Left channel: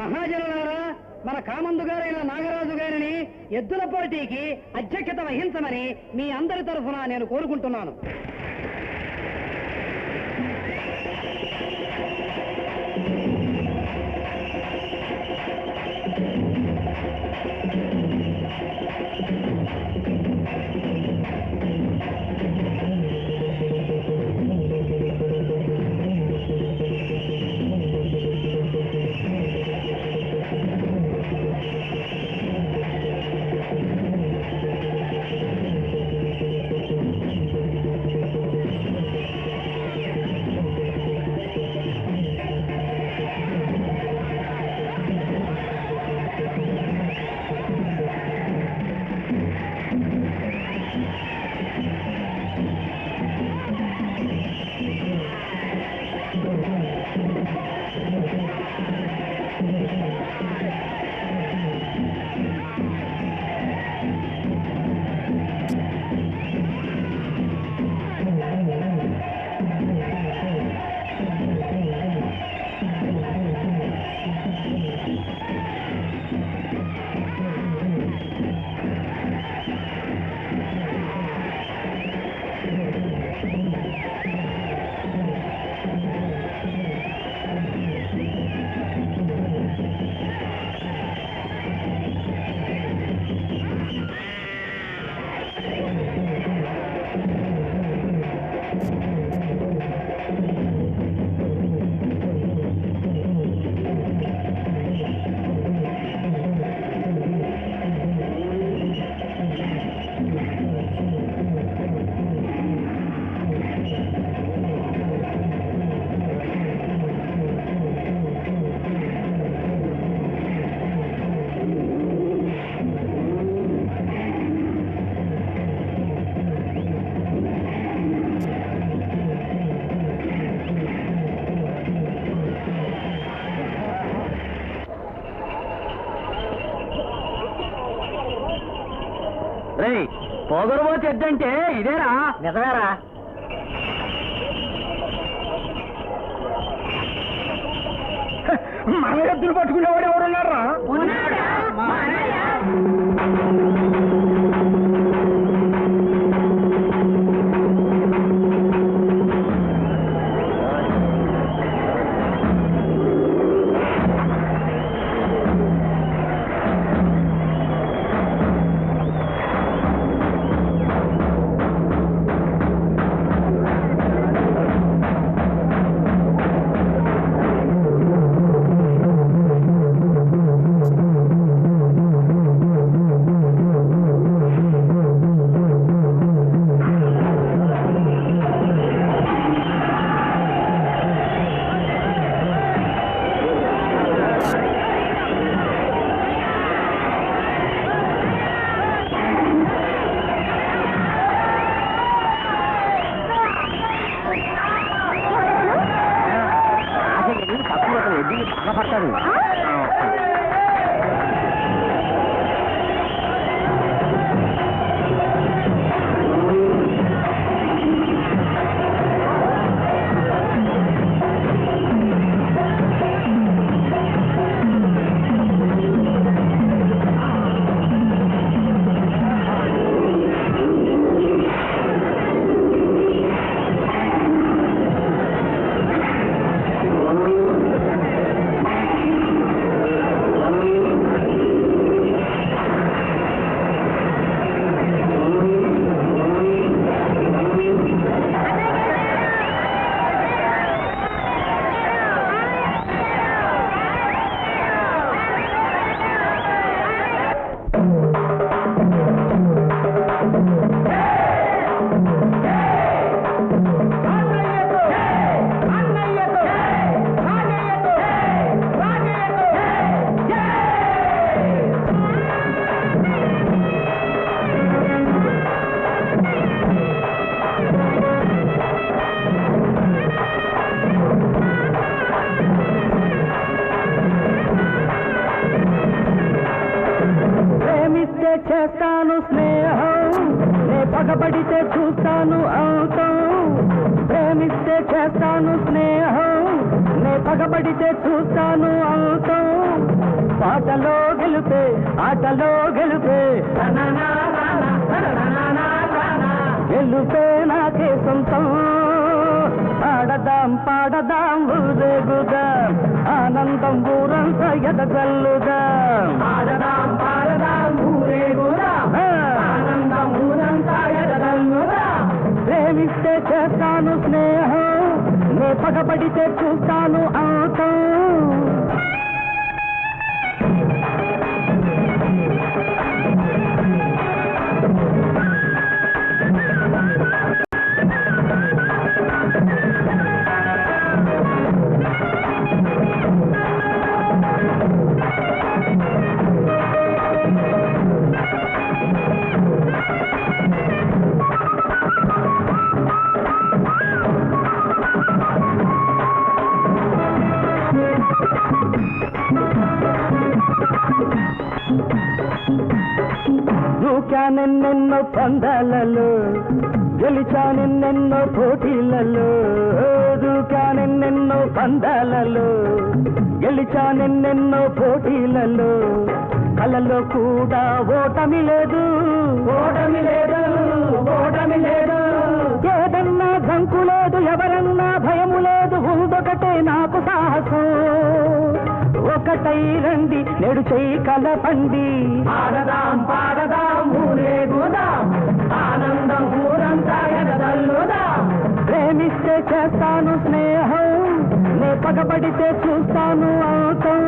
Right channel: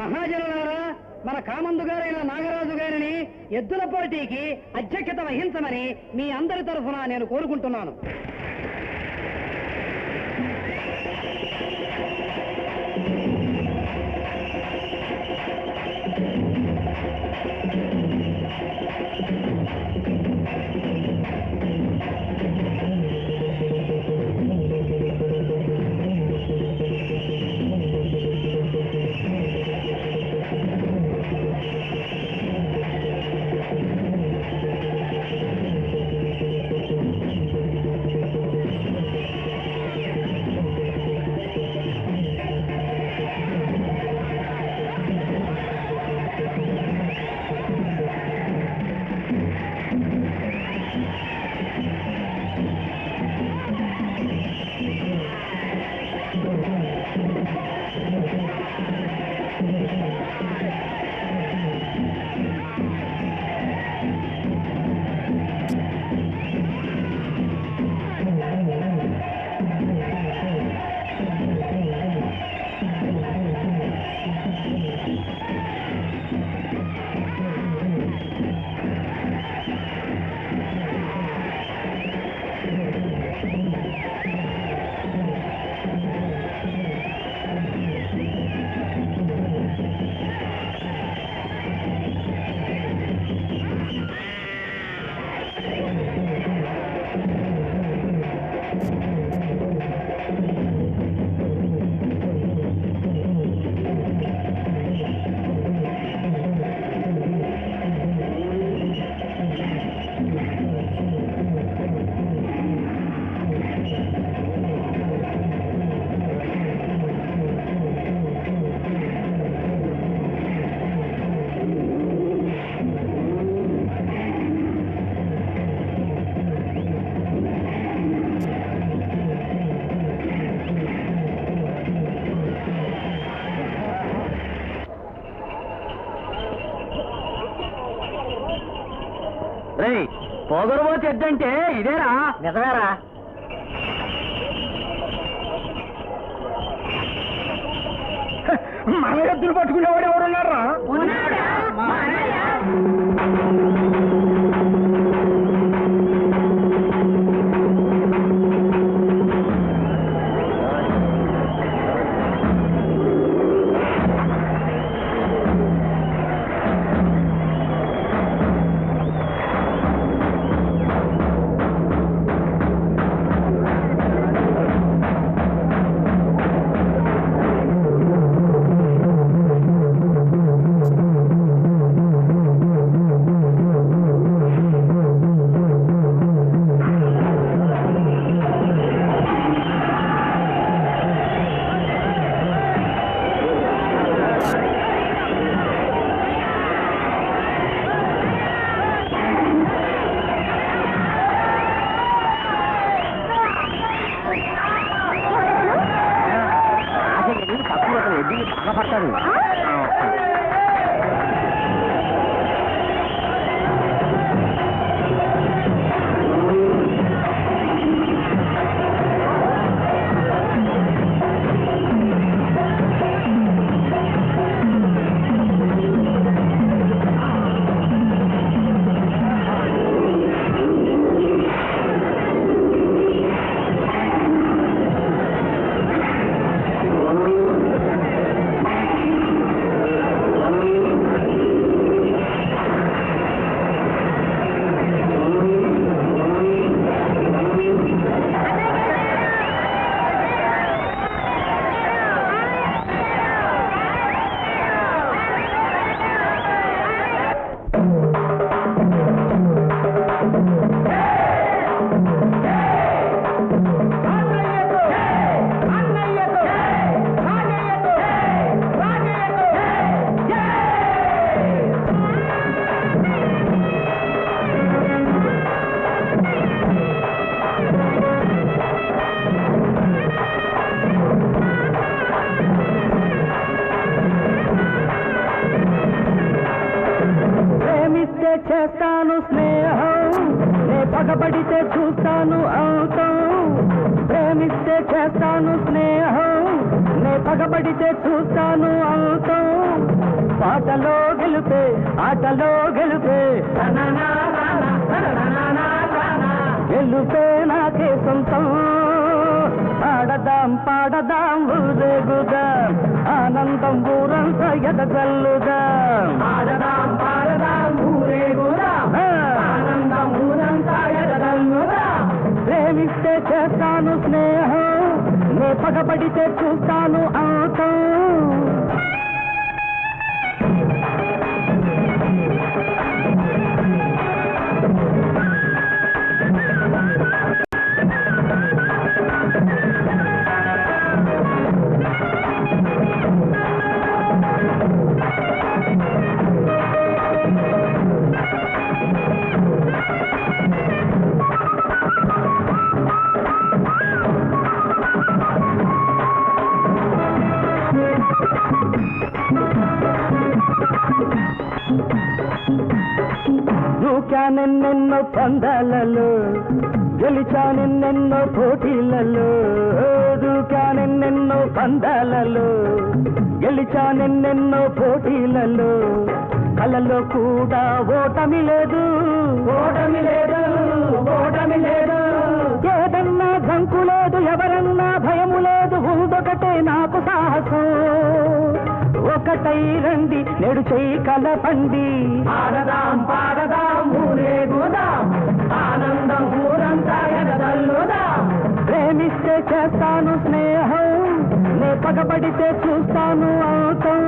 మహాజనులారా, మన కామందు గారైన నాగరాజు గారిని ఎద్దుల పోటీకి అధ్యక్షత వహించమని మీ అందరి తరఫున నేను కోరుకుంటున్నాను. పొగరుబో చెడ్డంటే ఇదేరా? నిజమేరా? మన ఎద్దులు పట్టుకునేవాడు ఎవరున్నారా? పగబడితే చూస్తాను అంతం, ప్రేమిస్తే చేస్తాను స్నేహం, నే పగబడితే చూస్తాను అంతం, పాటలో గెలుపే ఆటలో గెలుపే, గెలుపే నాకే సొంతం, ఆడదాం పాడదాం ఊరేగుదాం, ఆనందం ఊరంతా ఎదగల్లుదాం, ఆడదాం పాడదాం ఊరేగుదాం, ఆనందం ఊరంతా ఎదగల్లుదాం, ప్రేమిస్తే చేస్తాను స్నేహం, నే పగబడితే చూస్తాను అంతం. దూకానెన్నెన్నో పందాలలో, గెలిచానెన్నెన్నో పోటీలలో, దూకానెన్నెన్నో పందాలలో, గెలిచానెన్నెన్నో పోటీలలో, కలలో కూడా ఓటమి లేదు, ఓటమి లేదు, ఓటమి లేదు, ఏదన్నా జంకు లేదు, ఎవరన్నా భయము లేదు, ఉందొకటే నాకు సాహసం, ఒకటై రండి నేడు చెయ్యి కలపండి, ఆడదాం పాడదాం ఊరేగుదాం, ఆనందం ఊరంతా ఎదగల్లుదాం, ప్రేమిస్తే చేస్తాను స్నేహం, నే పగబడితే చూస్తాను అంతం,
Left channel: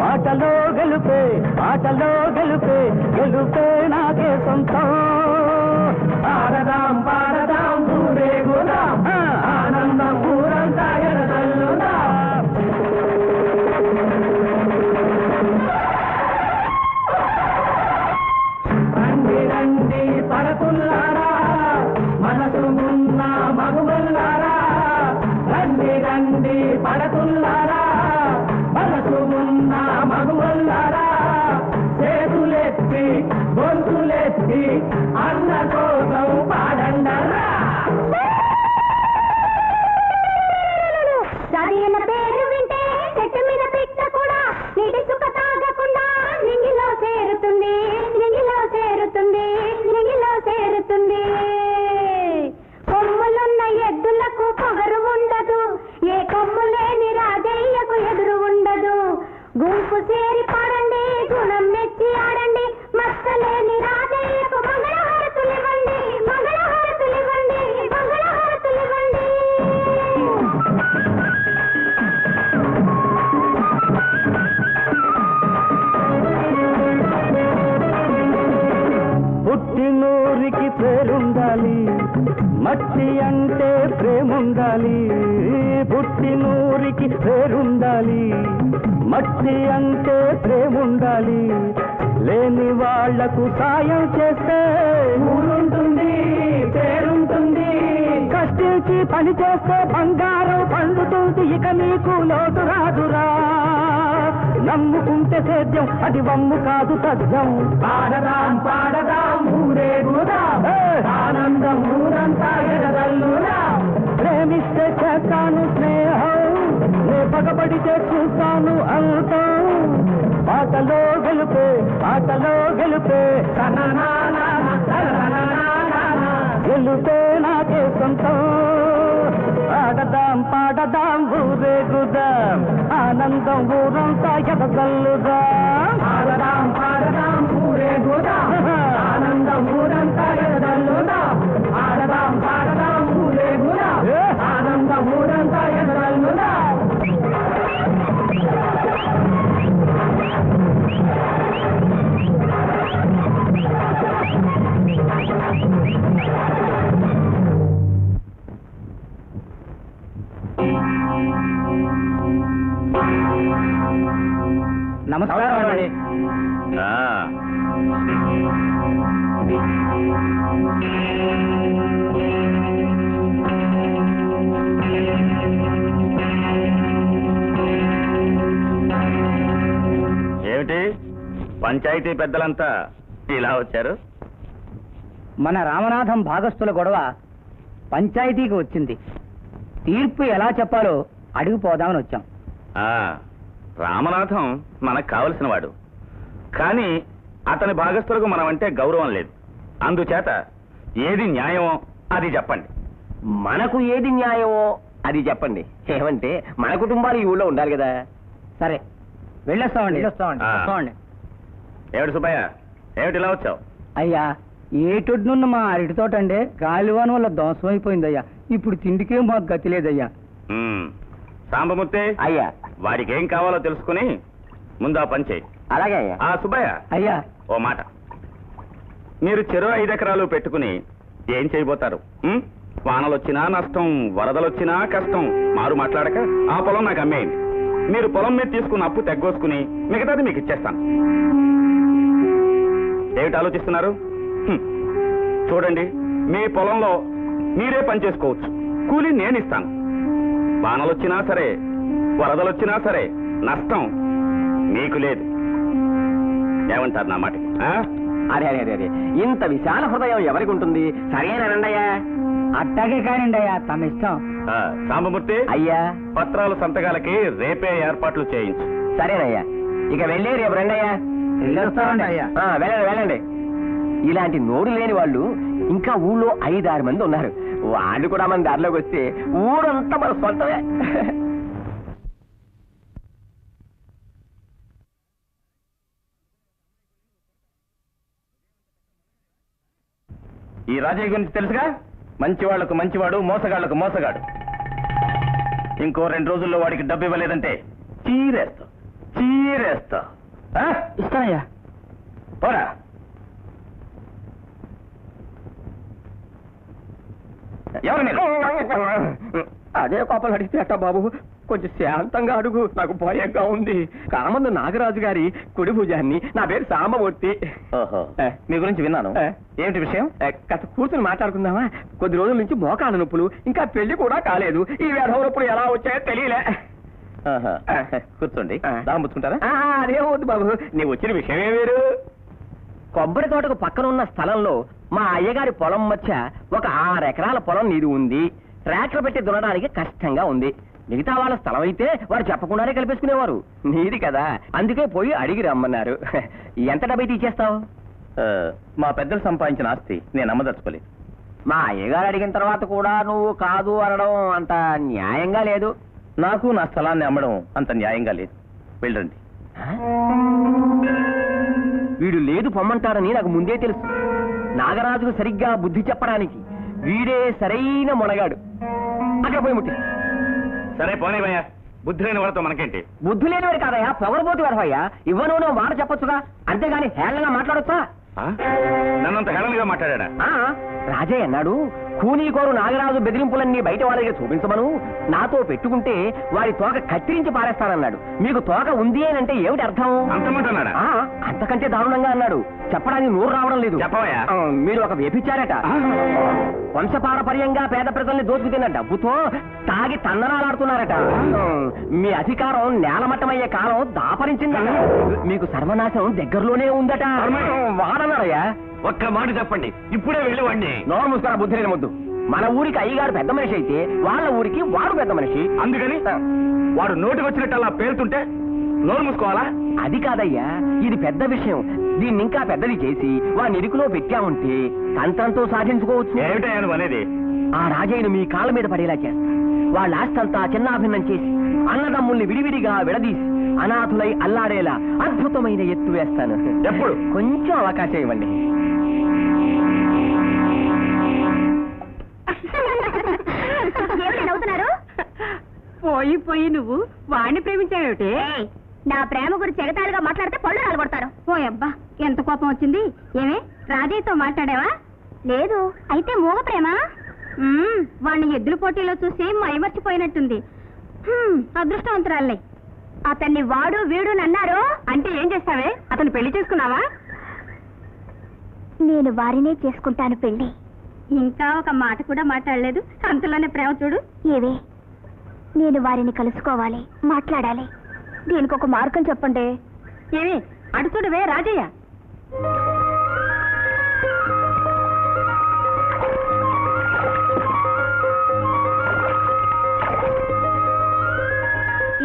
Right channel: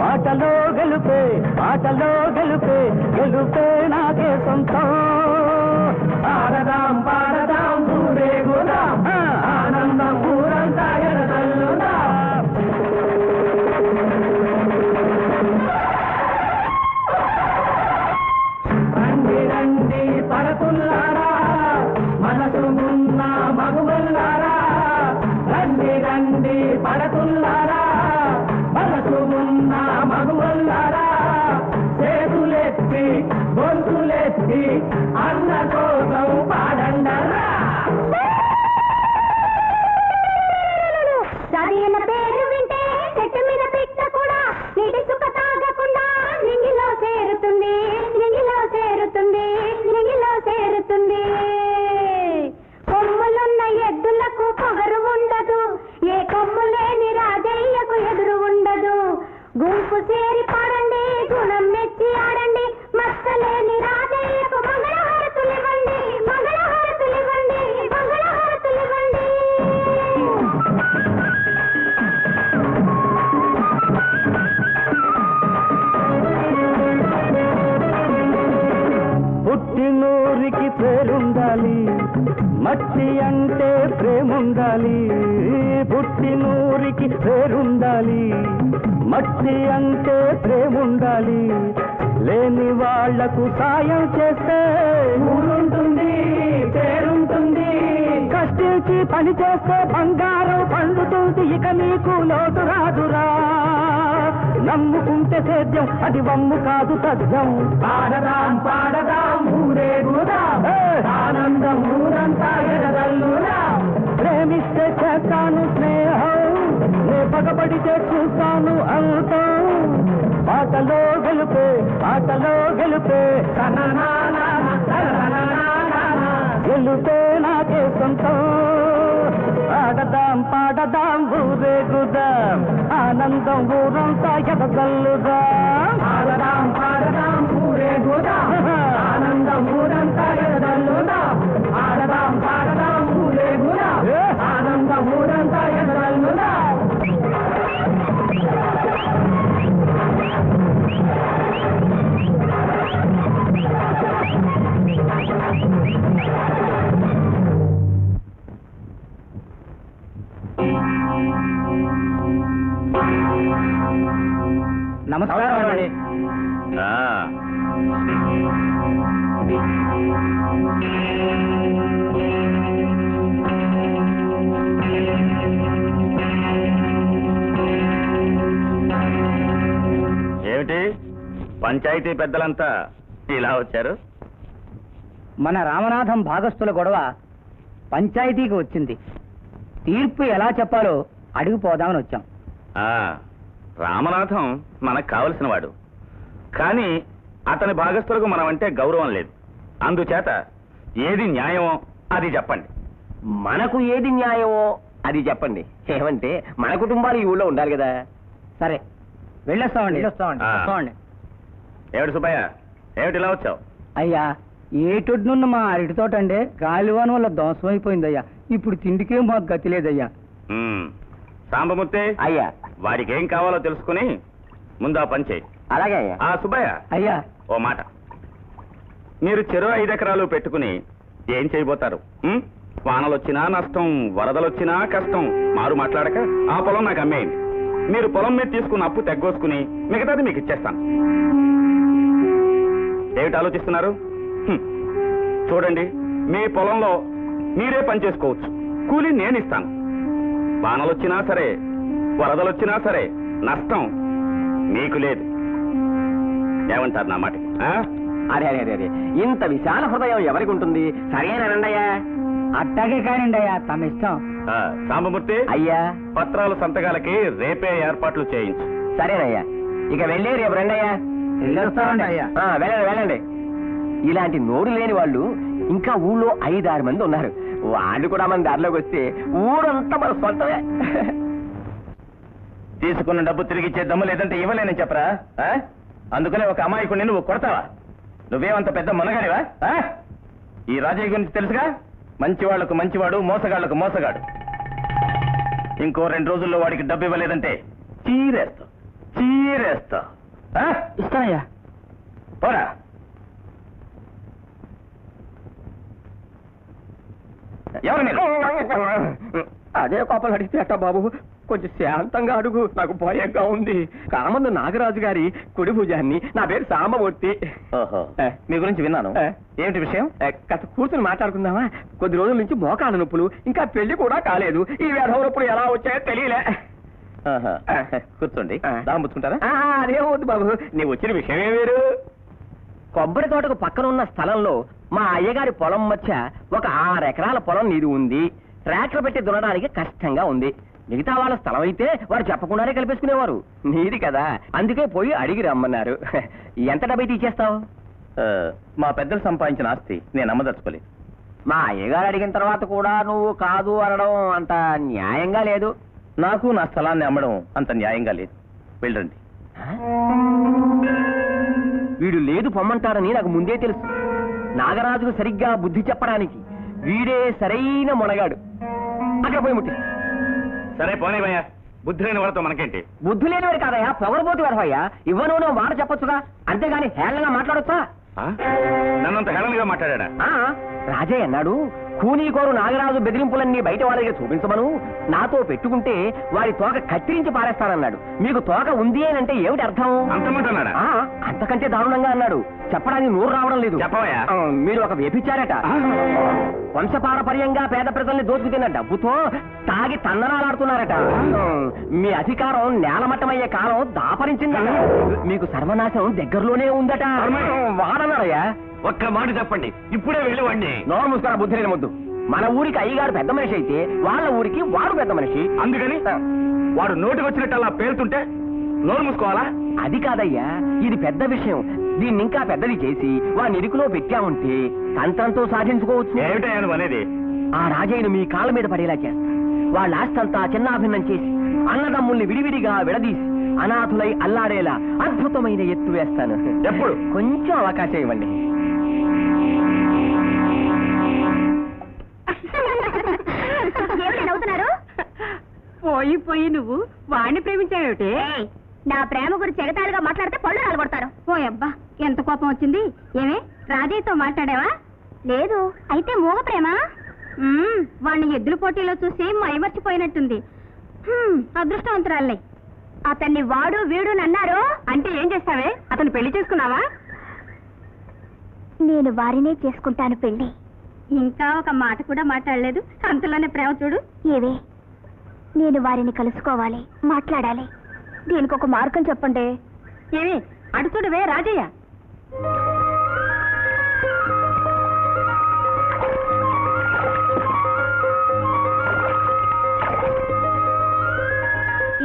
పాటలో గెలుపే ఆటలో గెలుపే, గెలుపే నాకే సొంతం, ఆడదాం పాడదాం ఊరేగుదాం, ఆనందం ఊరంతా ఎదగల్లుదాం. రండి రండి పడతుల్లారా, మనసు ఉన్న మగువల్లారా, రండి రండి పడతుల్లారా, మనసు ఉన్న మగువల్లారా, చేతులెత్తి గొంతులెత్తి అన్న కోసం పాడండరా. సరైన పేరు వింటే చెట్టు మీద పిట్ట కూడా నీటి సుఖ తాగకుండా నింగిలో చేరుతుంది, నింగిలో చేరుతుంది, నింగిలో చేరుతుంది. కొమ్ములున్న ఎద్దులకు పొగరు ఉండదు, ఏ కొమ్ము లేని రాజయ్యకు ఎదురు ఉండదు, గుంపు చేరి పాడండి గుణం మెచ్చి ఆడండి, మచ్చలేని రాజయ్యకు మంగళహారతులివ్వండి, మంగళహారతులివ్వండి, మంగళహారతులివ్వండి. పుట్టినూరికి పేరుండాలి, మట్టి అంటే ప్రేముండాలి, పుట్టినూరికి పేరుండాలి, మట్టి అంటే ప్రేముండాలి, లేని వాళ్లకు సాయం చేస్తే ఊరుంటుంది పేరుంటుంది, కష్టించి పని చేస్తే బంగారం పండుతుంది, ఇక నీకు లోటు రాదురా, నమ్ముకుంటే సేద్యం అది వమ్ము కాదు తథ్యం, పాడదాం పాడదాం ఊరేగుదాం, ఆనందం ఊరంతా ఎదగల్లుదాం, ప్రేమిస్తే చేస్తాను స్నేహం, నే పగబడితే చూస్తాను అంతం, ఆటలో గెలుపే ఆటలో గెలుపే, గెలుపే నాకే సొంతం, ఆడదాం పాడదాం ఊరేగుదాం, ఆనందం ఊరంతా ఎదగల్లుదాం, ఆడదాం పాడదాం ఊరేగుదాం, ఆనందం ఊరంతా ఎదగల్లుదాం, ఆడదాం పాడదాం ఊరేగుదాం, ఆనందం ఊరంతా ఎదగల్లుదాం. నమస్కారం అండి. ఏమిటి పంచాయతీ పెద్దలంతా ఇలా వచ్చారు? మన రామనాథం భాగస్థుల గొడవ పంచాయతీకి వచ్చింది. తీర్పు ఎలా చెప్పాలో అడిగిపోదామని వచ్చాం. రామనాథం మనకు కావలసిన వాడు, కానీ అతని భాగస్థులకు మనం అంటే గౌరవం లేదు. అందుచేత ఏది న్యాయమో అది చెప్పండి. మనకు ఏది న్యాయమో అది చెప్పండి. ఏమంటే మన కుటుంబాలు ఈ ఊళ్ళో ఉండాలి కదా. సరే వెళ్ళొస్తామండి. ఏమిటి సుబ్బయ్య, ఏమిటి ఇలా వచ్చావు? అయ్యా, ఏటొడ్నున్న మా అరటి తోట అండి గాలివాన వల్ల ధ్వంసమైపోయిందయ్యా. ఇప్పుడు తిండికే మాకు గతి లేదయ్యా. సాంబమూర్తి, అయ్యా, వాడికి ఏం కావాలో తెలుసుకుని ముందు ఆ పని చేయి. అలాగే అయ్యా. సుబ్బయ్య, అయ్యా, ఓ మాట, మీరు చెరో 5 ఎకరాలు పెట్టుకుని ఏం చేయబోతారు? వానలొచ్చినా నష్టం, వరదలొచ్చినా కష్టం, మారు మాట్లాడక ఆ పొలం నాకు అమ్మేయండి. మీరు పొలం మీద తీసుకున్న అప్పు తెగ్గోసుకుని మిగతాది మీకు ఇచ్చేస్తాను. ఏమిటి ఆలోచిస్తున్నారు? చూడండి, మీ పొలంలో మీరే పని చేసుకోవచ్చు, కూలి నేను ఇస్తాను. వానలొచ్చినా సరే, వరదలొచ్చినా సరే నష్టం మీకు లేదు. ఏమంటారు నా మాట? అరే అరే అరే, ఇంత విశాల హృదయం ఎవరికి ఉంటుంది? సరేనండయ్యా. అట్టాగే కానిండి అయ్యా, తమ ఇష్టం. సాంబమూర్తి, అయ్యా, పత్రాలు సంతకాలకి రేపే ఏర్పాట్లు చేయించు. సరేనయ్యా. ఇక వెళ్ళి రేపు రండయ్యా. వెళ్ళొస్తామండి అయ్యా. వెళ్ళండి వెళ్ళండి. ఇలాంటి నోరు లేని వాళ్ళు ఇంకా ఊళ్ళో 5-6 మంది ఉన్నారు. వాళ్ళు కూడా మన దారిలోకి వస్తే ఊరంతా మన సొంతమే. తీసుకున్న డబ్బు తిరిగి ఇచ్చే దమ్ము లేదంటే ఇవ్వలేనని చెప్పరా? అందుకనే ఒక అమాయకుడిని నువ్వు కొడతావా? నువ్వేమంత పెద్ద మనగాడివా? ఈ రాజయ్య గురించి తెలుసుగా, మంచి వాళ్లకు మంచివాడు, మోసగాళ్లకు మోసగాడు. ఇంకో 2 రోజుల్లో వాడికి డబ్బు ఇవ్వలేదంటే చీరేస్తా చీరేస్తా. ఇస్తానయ్యా. పోరా. ఎవరు మీరు? అదే కోపలు అడిగితే బాబు, కొంచెం శాంతంగా అడుగు, నాకు భయంగా ఉంది. కామందు నాగరాజు గారి కుడి భుజాన్ని. నా పేరు సాంబమూర్తి. ఓహో, మీ గురించి విన్నాను. ఏమిటి విషయం? కాస్త కూర్చుని మాట్లాడుకుందామా? కొద్ది రోజుల నుంచి మోకాళ్ళ నొప్పులు, ఇంకా పెళ్లి కూడా కాలేదు. ఈ వేధవ నొప్పులు ఎలా వచ్చాయో తెలియలే. కూర్చోండి, దాముచ్చుకుంటారా? అదేమవుద్దు బాబు, నీ వచ్చిన విషయమే వేరు. కొబ్బరి తోటకు పక్కన ఉన్న స్థలంలో మా అయ్యగారి పొలం మధ్య ఒక 6 ఎకరాల పొలం నీరు ఉంది. ట్రాక్టర్ పెట్టి దున్నడానికి కష్టంగా ఉంది. మిగతా వాళ్ళ స్థలం అయితే వారు చెప్పకుండానే కల్పేసుకునేవారు. నీది కదా, అందుకే పోయి అడిగి రమ్మన్నారు. ఎంత డబ్బు తీసేస్తావు? మా పెద్దలు సంపాదించిన ఆస్తి నేను అమ్మదలుచుకోలేదు. మా అయ్యగారు అడిగిన తర్వాత కూడా నువ్వు కాదు అనడం అంత న్యాయంగా లేదు. నాకు నా స్థలాన్ని అమ్మడం అంత న్యాయంగా లేదు. వెళ్ళండి. వీడు లేదు పొమ్మంటారని నాకు ముందే తెలుసు. నాగరాజుకు సరిగ్గా బుద్ధి చెప్పడానికి వీడే సరైన మొనగాడు. అక్కడ పోయి ముట్టి. సరే పోనీవయ్యా, బుద్ధి లేని వాడితో మనకేంటి? బుద్ధి లేనివాడు కాదయ్యా, పొగరబోతు వరవయ్యా. ఇవ్వను మాట చెప్పొచ్చుగా, అంతేగాని హేళనగా మాట్లాడొచ్చా? నన్నంత హేళనగా మాట్లాడా? రాజయ్య అన్నాడు, కూనీకోరు నాగరాజు బెదిరింపులన్నీ బయట వాళ్ళ దగ్గర చూపించమను. నాతో పెట్టుకుంటే వారి తోక కత్తిరించి పారేస్తానన్నాడు. మీకు తోక ఉంది అని అంటే ఏమిటి అర్థం? అంతమంటున్నాడా? అంతకంటే దారుణంగా అన్నాడు. చెప్పడానికి నోరు రావడం లేదు. చెప్పవయ్యా. మీరు ఒక వ్యభిచారట. వంశపారపర్యంగా పేద ప్రజల్ని దోచుకుతిన్న డబ్బుతో తాగి తన్ననాలాడుతున్నారట. మీ అధికారం నేలమట్టమయ్యే కాలం దాపరించిందట. మీకు సర్వనాశం దగ్గరలోనే ఉందట. వాడన్నారయ్యా. ఒక్క మాట చెప్పండి, ఇప్పుడే వెళ్ళివ్వండి. నోరు ముస్తారా బుద్ధి లేని ముద్దు. మన ఊరికి అయ్యగారు పెద్ద మనిషి అయితే వాళ్ళ ఊరికి వాడు పెద్ద మనిషి. అందుకని వాడు నోటికి వచ్చినట్టు అలా పేలుతుంటే నోరు మూసుకోవాలా? అది కాదయ్యా, ఇది పెద్ద విషయం. దీన్ని ఇంకా పెద్దది చేసి వాడిని ఇరుకులో పెట్టామంటే తంత్రంతో సాధించుకోవచ్చు. ఏమిటయ్యా నువ్వు అనేది? ఆ రాజయ్యను మీ కాళ్ళ మీద పడేలా చేస్తా. వాళ్ళ ఆస్తంతా చిన్నాభిన్నం చేసి అన్నదమ్ముల్ని విడివిడిగా విడదీసి అనాథులై అల్లాడేలా అద్భుతమైన ఎత్తు వేస్తాను. ఎప్పుడు? కొంచెం అవకాశం ఇవ్వండి. పోయి పోయి నువ్వు వాడిని ప్రేమించావేమిటి? నా ప్రేమ గురించి ఎగతాళిగా మాట్లాడితే పళ్ళు రాలగొడతారు. ఓ అబ్బా, ఎంత కోపం వచ్చింది. ఏమే, రాజయ్యతో మాట్లాడావా? లేదు. అయితే మూగ ప్రేమ? వాడిని ఎద్దుల పోటీలో చూసి మైమర్చిపోయినట్టుంది. అదృష్టవంతురాలే. అతన్ని వాడు వీడు అన్నారు అంటే ఏం చేస్తావే? అతను పెళ్లి చేసుకున్నావా? నేను వారినే చేసుకుంటాను పెళ్లి. ఇంకా ఒక మాట కూడా మాట్లాడలేదు, అంతలోనే ప్రేమ చూడు. ఏవే, నేను వారిని కలుసుకోవాలి, మాట్లాడాలి. దీనికి ఒక మార్గం చెప్పండి. ఏమి అటు చూడవే రాజయ్య.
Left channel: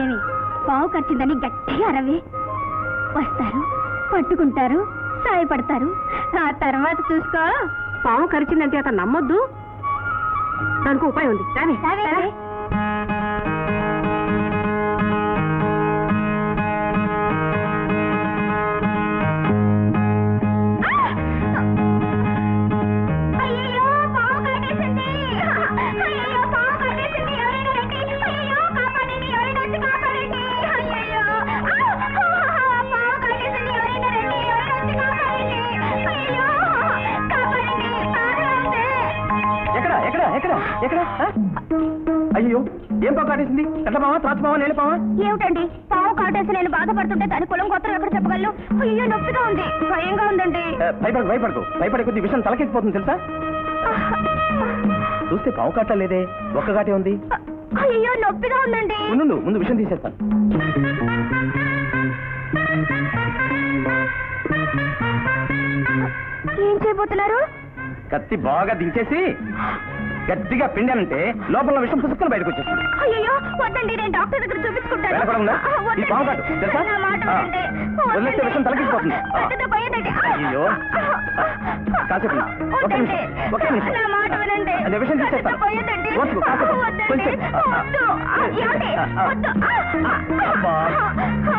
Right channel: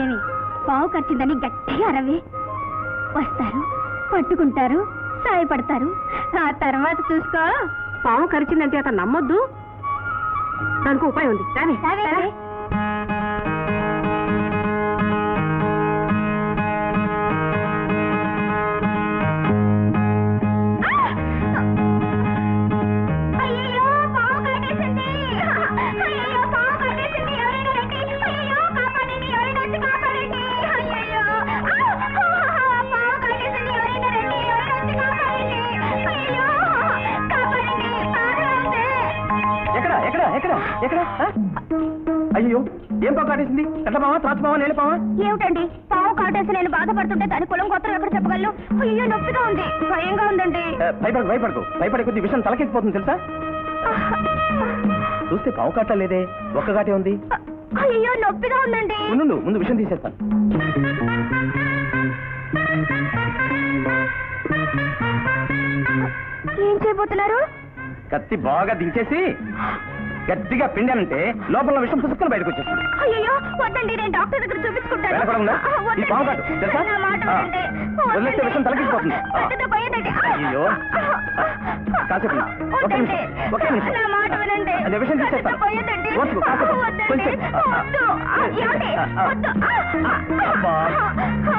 ఏమి పావు ఖర్చిందని గట్టిగా అరవి వస్తారు, పట్టుకుంటారు, సాయపడతారు. ఆ తర్వాత చూసుకో. పాము కరిచిందంటే అతను నమ్మొద్దు. దానికి ఉపాయం ఉంది. ఎక్కడ ఎక్కడ ఎక్కడ ఎక్కడ అయ్యో ఏం పావు కాటేసింది? ఎట్లా పావా, తాచు పావా, నేల పావా? ఏమిటండి పావు కాటేసి నేను బాధపడుతుంటే దాని కులం గోత్రం ఎక్కడ చెప్పగలను? అయ్యో నొప్పిగా ఉంది, భయంగా ఉందండి. భయపడకు భయపడే కొద్ది విషయం తలకెక్కిపోతుంది తెలుసా? చూస్తే పావు కాట లేదే, ఒక్క కాటే ఉంది. అయ్యో నొప్పిగా ఉందండి. ఉండు, ముందు విషయం తీసేస్తాను. ఏం చేయబోతున్నారు? కత్తి బాగా దించేసి గట్టిగా పిండానంటే లోపల విషయం పుస్తకం బయటకు వచ్చేస్తుంది. అయ్యో వద్దండి, నేను డాక్టర్ దగ్గర చూపించుకుంటాను. వెళ్ళకూడదా? ఈ పావు కాటు తెలుసా? నా మాట వినండి. వదిలేస్తే విషయం తలకెక్కిపోతుంది. పెద్దగా పోయేదండి. అయ్యో కాసేపు ఒక్క వద్దండి. నిమిషం, ఒక్క నిమిషం. నా మాట వినండి. అదే విషయం తీసేస్తాను. పెద్దగా పోయేదండి. ఓర్చుకో, కాసేపు. వద్దండి. కొంచెం. వద్దు. ఏమండి? వద్దు. అబ్బా,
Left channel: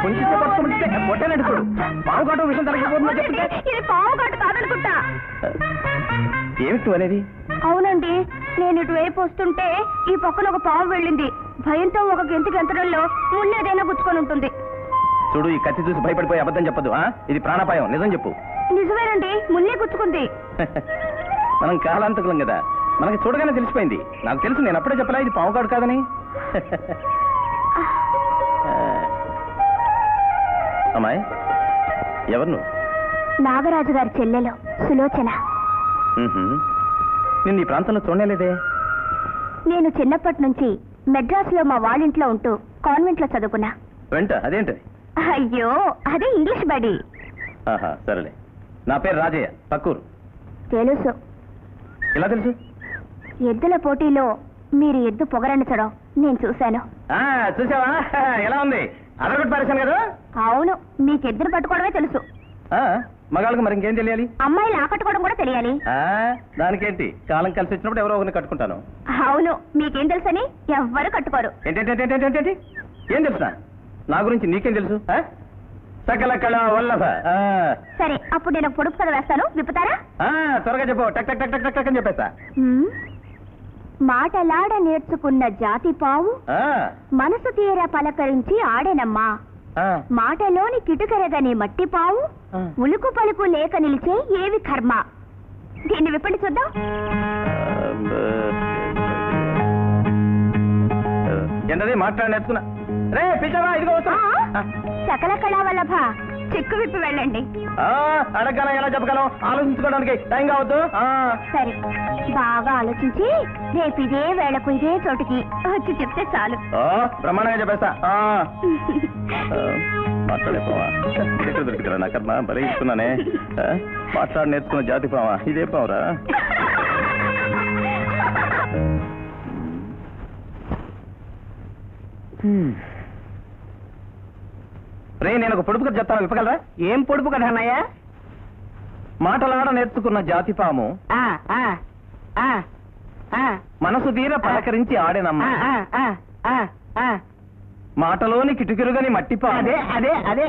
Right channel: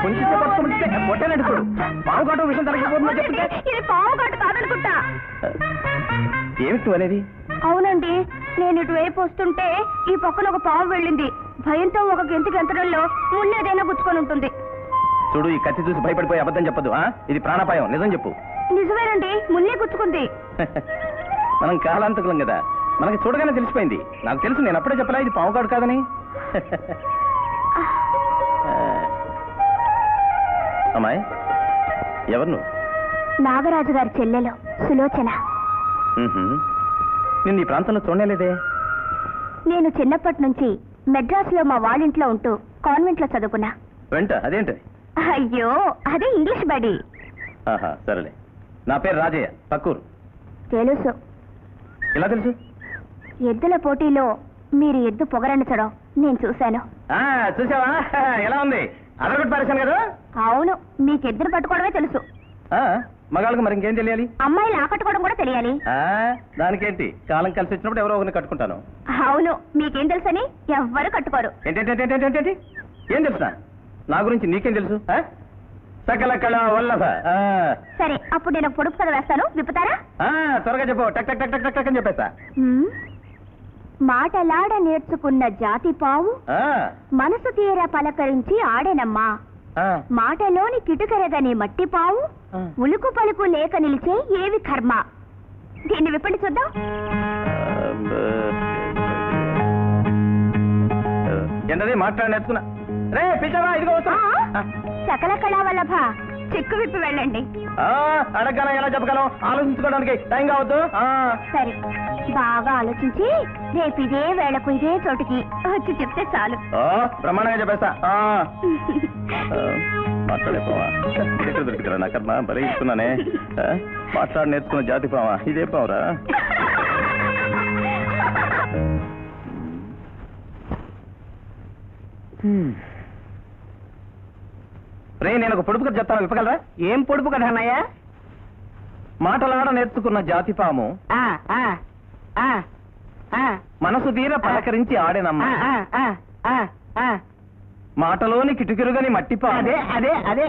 కొంచెం సేపు పట్టుకుంటే కొట్టానండి చూడు. పావు కాటు విషయం తలకెక్కిపోతుందని వద్దండి. చెప్తే ఇది పావు కాటు కాదనుకుంటా. ఏమిటి అనేది? అవునండి, నేను ఇటువైపు వస్తుంటే ఈ పక్కన ఒక పాము వెళ్ళింది. భయంతో ఒక గెంతు గెంతడంలో మున్నేదైనా గుచ్చుకొని ఉంటుంది. చూడు, ఈ కత్తి చూసి భయపడిపోయి అబద్ధం చెప్పదు. ఇది ప్రాణాపాయం, నిజం చెప్పు. నిజమేనండి, మున్నే గుచ్చుకుంది. మనం కాలాంతకులం కదా, మనకి చూడగానే తెలిసిపోయింది. నాకు తెలుసు, నేను అప్పుడే చెప్పలా ఇది పావు కాడు కాదని. అమ్మాయి, ఎవరు నువ్వు? నాగరాజు గారి చెల్లెలు సులోచన. నేను ఈ ప్రాంతంలో చూడలేదే. నేను చిన్నప్పటి నుంచి మెడ్రాస్లో మా వాళ్ళింట్లో ఉంటూ కాన్వెంట్లో చదువుకున్నా. వెంట అదేంటి? అయ్యో, అదే ఇంగ్లీష్ బడి. ఆహా, సరేలే. నా పేరు రాజయ్య, పక్కూరు. తెలుసు. ఎలా తెలుసు? ఎద్దుల పోటీలో మీరు ఎద్దు పొగరంచడం నేను చూశాను. చూసావా? ఎలా ఉంది? అదొకటి పరిశాను కదా. అవును, మీకు ఎద్దును పట్టుకోవడమే తెలుసు. మగాళ్ళకి మరి ఇంకేం తెలియాలి? అమ్మాయిని ఆకట్టుకోవడం కూడా తెలియాలి. దానికేంటి, కాలం కలిసి వచ్చినప్పుడు ఎవరో ఒకరిని కట్టుకుంటాను. అవును, మీకేం తెలుసని ఎవ్వరు కట్టుకోరు. ఏంటంటే ఏం తెలుసునా? నా గురించి నీకేం తెలుసు? సకల కళ వల్లభ. సరే, అప్పుడు నేను పొడుపు కథ వేస్తాను, విప్పుతారా? త్వరగా చెప్పు, టక్ టక్ టక్ టక్ టక్ అని చెప్పేస్తా. మాటలాడ నేర్చుకున్న జాతి పావు మనసు తీర పలకరించి ఆడేనమ్మా. మాటలోని కిటుకెరగని మట్టి పావు ఉలుకు పలుకు లేక నిలిచే ఏవి కర్మ. దీన్ని విప్పండి చూద్దాం. ఏంటది మాట్లాడి నేర్చుకున్నా? రే పిచ్చవా, ఇదిగో వస్తా. సకల కళా వల్లభ, చెక్కు విప్పి వెళ్ళండి. అడగలం, ఎలా చెప్పగలం? ఆలోచించుకోవడానికి టైం కావద్దు. సరే, బాగా ఆలోచించి రేపు ఇదే వేళకు ఇదే చోటుకి వచ్చి చెప్తే చాలు. బ్రహ్మాండంగా చెప్పేస్తా. మాట్లాడేపోవా, దొరుకుతారా? నాకన్నా బలి ఇస్తున్నానే. మాట్లాడి నేర్చుకున్న జాతి పావా, ఇదే పావురా. రే, నేను ఒక పొడుపు కథ చెప్తాను, విప్పగలరా? ఏం పొడుపు కదా అన్నయ్య? మాటలాడ నేర్చుకున్న జాతి పాము మనసు తీర పలకరించి ఆడేనమ్మ. మాటలోని కిటుకిరుగని మట్టి పాము అదే అదే అదే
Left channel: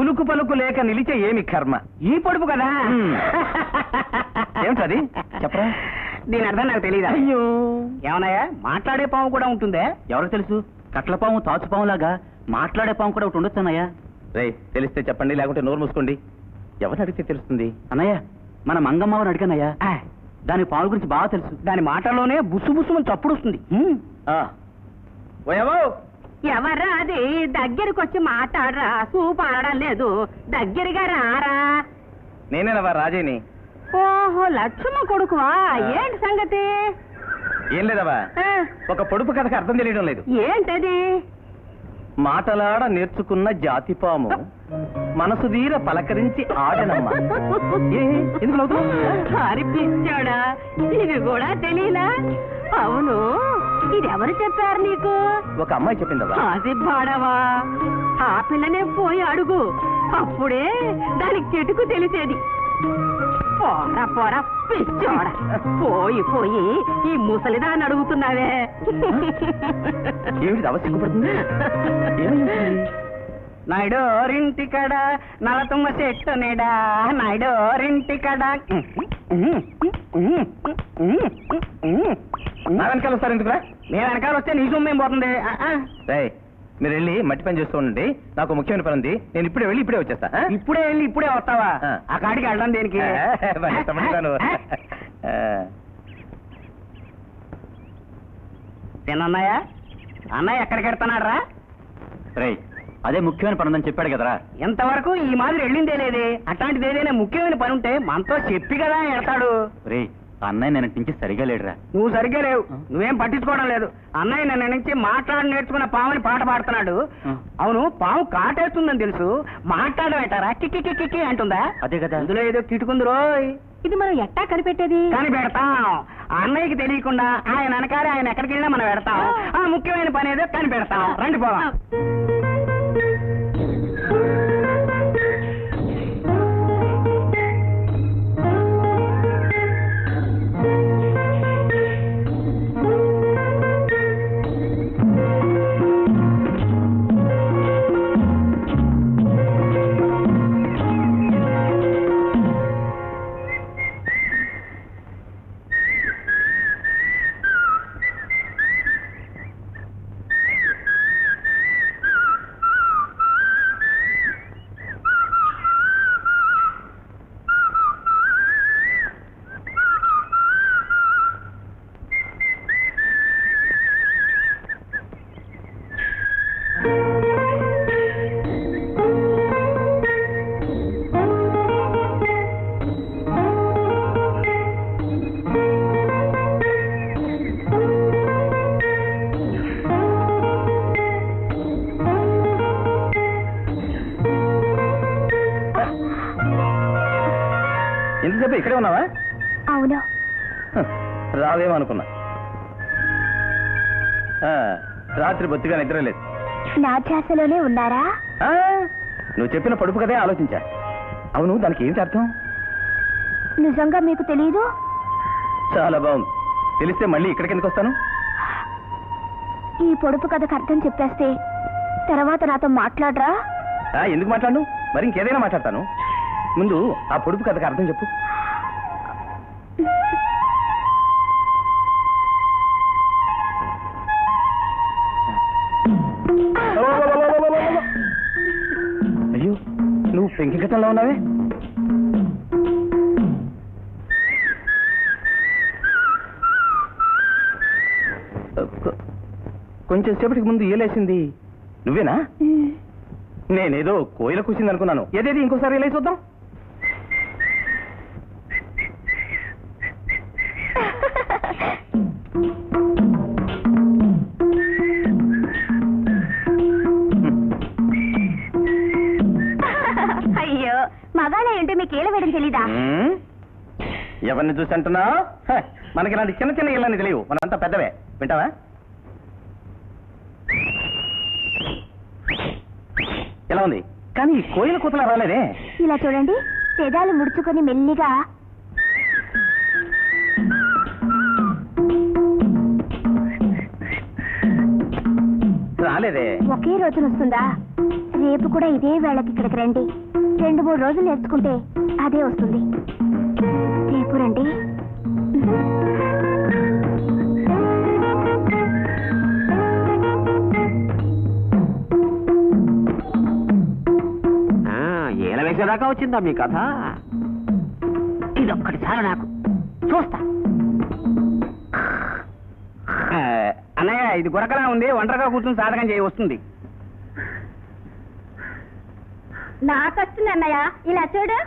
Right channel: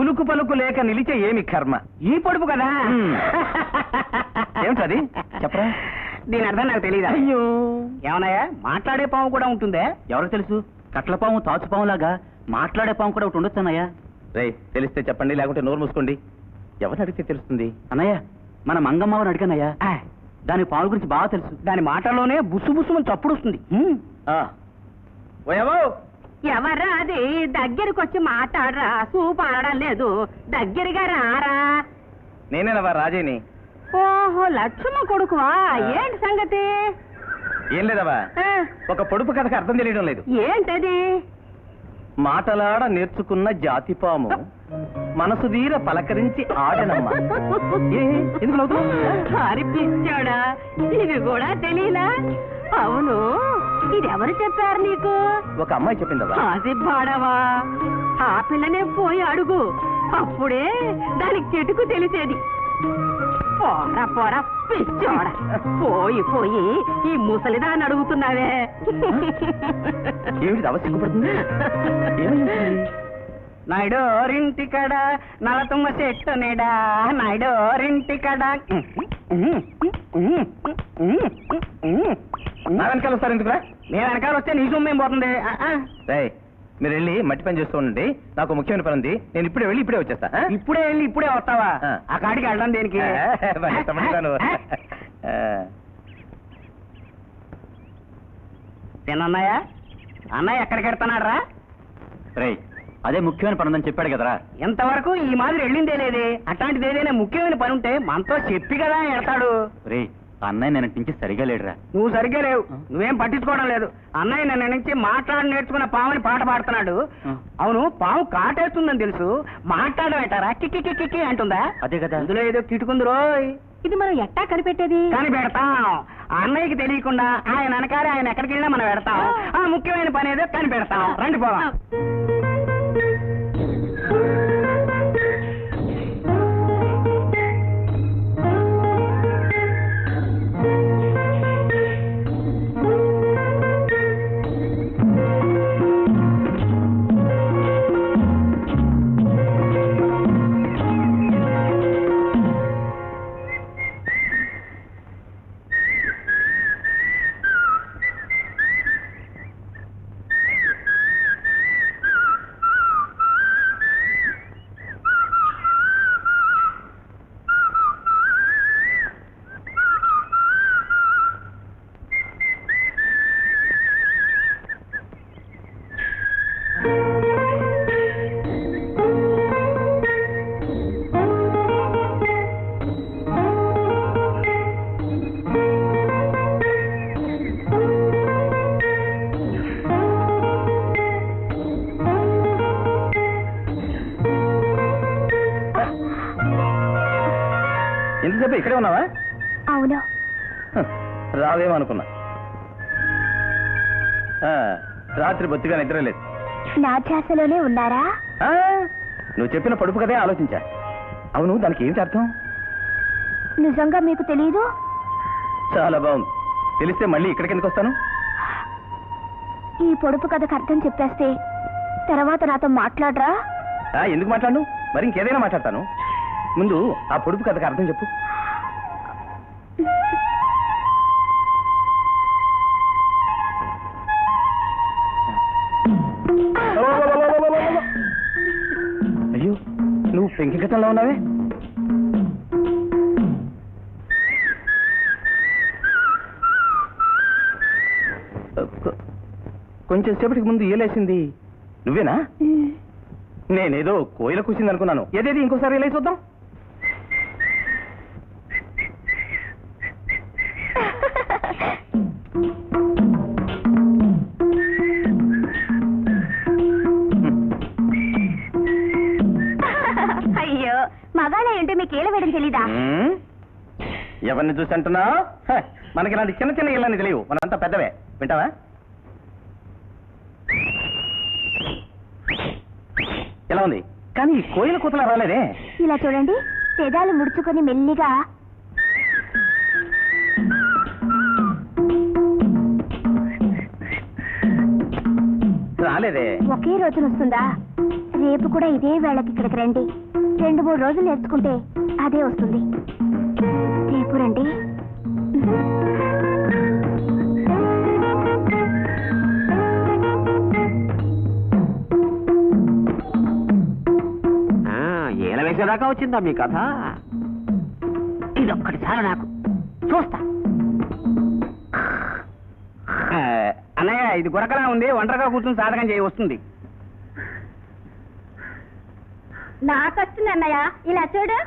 ఉలుకు పలుకు లేక నిలిచే ఏమి కర్మ. ఈ పొడుపు కదా? ఏమిటది చెప్పరా? దీని అర్థం నాకు తెలియదా? అయ్యో, ఏమన్నాయా, మాట్లాడే పాము కూడా ఉంటుందే? ఎవరు తెలుసు? కట్ల పాము, తాచు పాము లాగా మాట్లాడే పాము కూడా ఒకటి ఉండొచ్చు అన్నయ్య. రే, తెలిస్తే చెప్పండి, లేకుంటే నోరు మూసుకోండి. ఎవరు అడిగితే తెలుస్తుంది? అన్నయ్య, మన మంగమ్మని అడిగానయ్యా, దాని పాము గురించి బాగా తెలుసు. దాని మాటల్లోనే బుస్సు బుస్సుమని చప్పుడు వస్తుంది. ఎవర్రా అది? దగ్గరికి వచ్చి మాట్లాడరా, చూపాడడం లేదు. దగ్గరగా రారా. నేనేనవా రాజేని. ఓహో, లక్ష్మ కొడుకువా? ఏంటి సంగతి? ఏం లేదవా, ఒక పొడుపు కథకు అర్థం తెలియడం లేదు. ఏంటది? మాటలాడ నేర్చుకున్న జాతి పాము మనసు తీర పలకరించి ఆడనమ్మ. ఎందుకు నవ్వుతున్నావ్? అరిపించాడా? ఇది కూడా తెలీలా? అవును, ఇది ఎవరు చెప్పారు నీకు? ఒక అమ్మాయి చెప్పిందా? అది బాడవా, ఆ పిల్లనే పోయి అడుగు, అప్పుడే దానికి చెట్టుకు తెలిసేది. పోరా పోరా పిచ్చోడ, పోయి పోయి ఈ ముసలిదాన్ని అడుగుతున్నావే. ఏమిటి అవ సిగ్గుపడుతుంది? నాయుడోరింటికడ నలతుమ్మ చెట్టు నీడా, నాయుడోరింటికడ. నా వెనకాల వస్తారు ఎందుకురా? నేను వెనకాల వస్తే నీ సొమ్మేం పోతుంది? మీరు వెళ్ళి మట్టి పని చేస్తూ ఉండండి, నాకు ముఖ్యమైన పని ఉంది. నేను ఇప్పుడే వెళ్ళి ఇప్పుడే వచ్చేస్తా. ఇప్పుడే వెళ్ళి ఇప్పుడే వస్తావా? ఆ కాడికి వెళ్ళడం దేనికి? తిన్నయ్య, అన్నయ్య ఎక్కడికి వెళ్తున్నాడు రా? అదే ముఖ్యమైన పని ఉందని చెప్పాడు కదరా. ఇంతవరకు ఈ మాదిరి వెళ్ళిందే లేదే. అట్లాంటిది ఏదైనా ముఖ్యమైన పని ఉంటే మనతో చెప్పి కదా వెళ్తాడు. అన్నయ్య నేను నుంచి సరిగా లేడురా. నువ్వు సరిగ్గా లేవు, నువ్వేం పట్టించుకోవడం లేదు. అన్నయ్య నిన్న నుంచి మాట్లాడి నేర్చుకున్న పావుని పాట పాడుతున్నాడు. అవును, పావు కాటేస్తుందని తెలుసు, మాట్లాడమేటారా కిక్కి కిక్కి అంటుందా? అదే కదా, అందులో ఏదో కిటుకుంది రోయ్. ఇది మనం ఎట్టా కనిపెట్టేది? కనిపెడతాం. అన్నయ్యకి తెలియకుండా ఆయన వెనకాలే ఆయన ఎక్కడికి వెళ్ళినా మనం పెడతాం. ఆ ముఖ్యమైన పని ఏదో కనిపెడతాం. రండి పోవా. ఎంతసేపు ఇక్కడే ఉన్నావా? అవును. రావేమనుకున్నా. రాత్రి బొత్తిగా నిద్ర లేదు. నా ధ్యాసలోనే ఉన్నారా? నువ్వు చెప్పిన పడుపు కదే ఆలోచించా. అవును, దానికి ఏమిటి అర్థం? నిజంగా మీకు తెలీదు? చాలా బాగుంది. తెలిస్తే మళ్ళీ ఇక్కడికి ఎందుకు వస్తాను? ఈ పొడుపు కథకు అర్థం చెప్పేస్తే తర్వాత నాతో మాట్లాడరా? ఎందుకు మాట్లాడు? మరి ఇంకేదైనా మాట్లాడతాను. ముందు ఆ పొడుపు కథకు అర్థం చెప్పు. అయ్యో, నువ్వు పెంకి కథంలో ఉన్నావే. కొంచెం సేపటికి ముందు ఏలేసింది నువ్వేనా? నేనేదో కోయిల కూసింది అనుకున్నాను. ఏదేది ఇంకోసారి ఏలేసి చూద్దాం. అయ్యో, మగాళ్ళ ఏంటో మీకు ఏల వేయడం తెలీదా? ఎవరిని చూసి అంటున్నా? మనకి ఇలాంటి చిన్న చిన్న ఇళ్ళని తెలియవు, మనంతా పెద్దవే. వింటావా? ఎలా ఉంది? కానీ ఈ కోయిల కూతలా రాలేదే. ఇలా చూడండి, పెదాలు ముడుచుకొని మెల్లిగా. రాలేదే. ఒకే రోజున వస్తుందా? రేపు కూడా ఇదే వేళకి ఇక్కడికి రండి. 2-3 రోజులు నేర్చుకుంటే అదే వస్తుంది. రేపు రండి. ఏల వేసేదాకా వచ్చిందా మీ కథ? ఇదొక్కటి చాలు నాకు, చూస్తా. అన్నయ్య, ఇది గురకలా ఉంది, ఒంటరిగా కూర్చుని సాధకం చేయి వస్తుంది. నాకు వస్తుంది అన్నయ్య, ఇలా చూడు.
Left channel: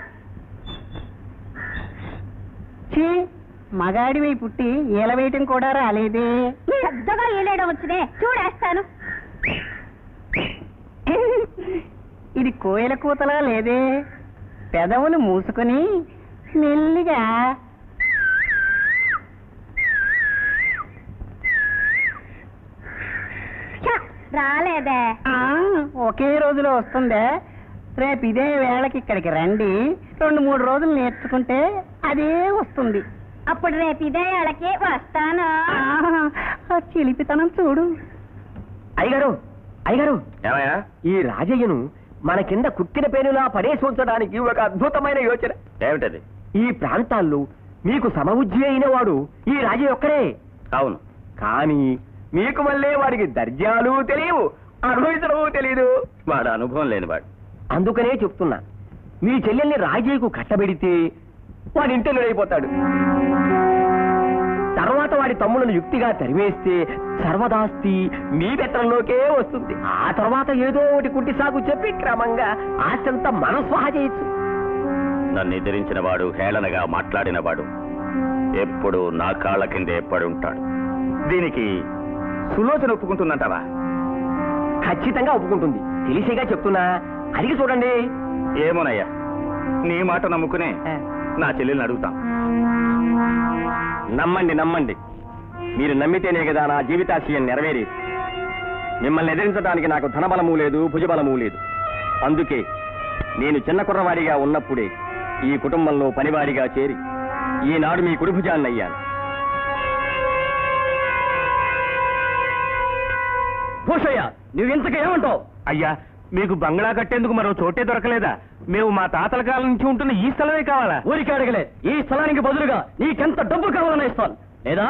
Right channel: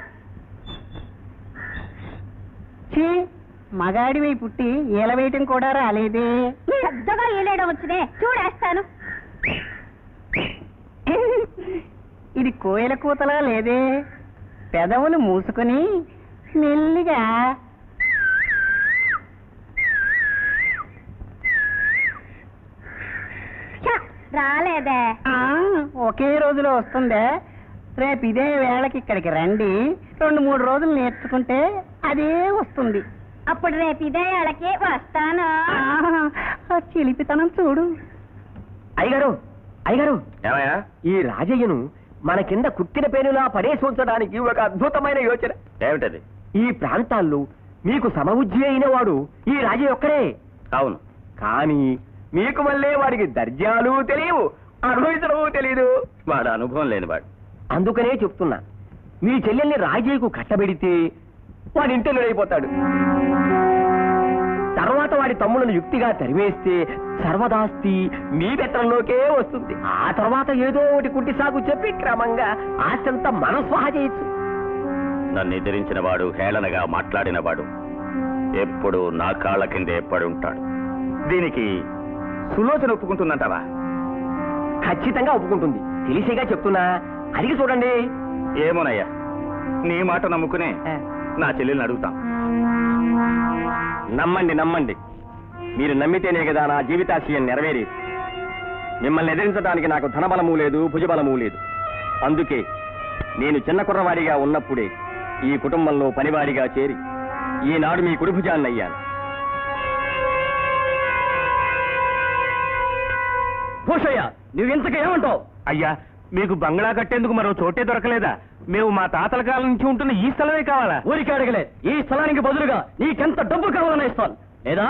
మగాడివి పుట్టి ఏల వేయటం కూడా రాలేదే. పెద్దగా ఏలేయడం వచ్చినే, చూడేస్తాను. ఇది కోయిల కూతలా లేదే. పెదవులు మూసుకొని మెల్లిగా. రాలేదే ఒకే రోజులో వస్తుందే. రేపు ఇదే వేళకి ఇక్కడికి రండి, 2-3 రోజులు నేర్చుకుంటే అదే వస్తుంది. అప్పుడు రేపు ఇదే వాళ్ళకి వస్తాను. ఆ చిలిపితనం చూడు. అయ్యగారు అయ్యగారు, ఏమయ్యా? ఈ రాజయ్యను మన కింద కుట్టిన పేనులా పడేసి ఉంచడానికి ఒక అద్భుతమైన యోచన. ఏమిటది? ఈ ప్రాంతాల్లో మీకు సమబుద్ధి అయిన వాడు ఈ రాజయ్య ఒక్కడే. అవును. కానీ మీకు మళ్ళీ వాడికి దర్జాలు తెలియవు, అనుభవించడము తెలియదు. వాడు అనుభవం లేనివాడు. అందుకనే చెప్తున్నా, మీ చెల్లెల్ని రాజయ్యకు కట్టబెడితే వాడి ఇంటిలో అయిపోతాడు. తర్వాత వాడి తమ్ములను యుక్తిగా తరివేస్తే సర్వదాస్తి మీ బెత్తంలోకే వస్తుంది. ఆ తర్వాత ఏదో ఒకటి కుట్టి సాగు చెప్పి క్రమంగా ఆస్తంతా మనం స్వాహా చేయొచ్చు. నన్ను ఎదిరించిన వాడు, హేళనగా మాట్లాడిన వాడు ఎప్పుడు నా కాళ్ళ కింద ఎప్పటి ఉంటాడు. దీనికి సులోచన ఒప్పుకుంటుందంటావా? ఖచ్చితంగా ఒప్పుకుంటుంది. తెలిసేగా చెప్తున్నా, అడిగి చూడండి. ఏమోనయ్యా, నీ మాట నమ్ముకునే నా చెల్లెల్ని అడుగుతాం. నమ్మండి నమ్మండి, మీరు నమ్మితేనే కదా నా జీవితాశయం నెరవేరేది. మిమ్మల్ని ఎదిరించడానికి నాకు ధనబలము లేదు, భుజబలము లేదు. అందుకే నేను చిన్న కుర్రవాడిగా ఉన్నప్పుడే ఈ కుటుంబంలో పనివాడిగా చేరి ఈనాడు మీ కుడిభుజాన్ని అయ్యాను. భూషయ్య, నువ్వెంతకు ఏమంటావు? అయ్యా, మీకు బంగ్లా కట్టేందుకు మరో చోటే దొరకలేదా? మేము మా తాతల కాలం నుంచి ఉంటున్న ఈ స్థలమే కావాలా? ఊరికి అడగలే, ఈ స్థలానికి బదులుగా నీకెంత డబ్బు కావాలని ఇస్తాను, లేదా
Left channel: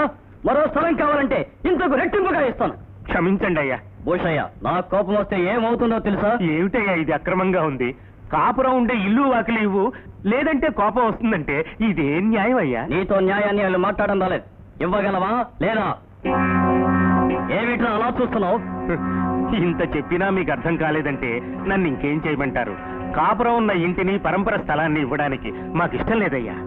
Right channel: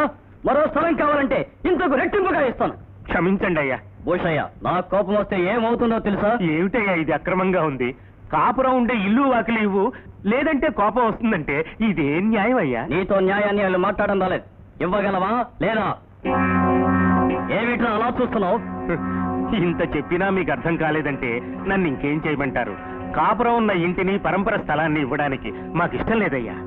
మరో స్థలం కావాలంటే ఇంతకు రెట్టింపుగా ఇస్తాను. క్షమించండి అయ్యా. భూషయ్య, నా కోపం వస్తే ఏమవుతుందో తెలుసా? ఏమిటయ్యా ఇది? అక్రమంగా ఉంది. కాపురం ఉండే ఇల్లు వాకిలి ఇవ్వు, లేదంటే కోపం వస్తుందంటే ఇదేం న్యాయం అయ్యా? నీతో న్యాయాన్ని వాళ్ళు మాట్లాడడం రాలేదు. ఇవ్వగలవా లేదా? ఏమిట్రా అలా చూస్తున్నావు? ఇంత చెప్పినా మీకు అర్థం కాలేదంటే నన్ను ఇంకేం చేయమంటారు? కాపురం ఉన్న ఇంటిని, పరంపర స్థలాన్ని ఇవ్వడానికి మాకు ఇష్టం లేదయ్యా.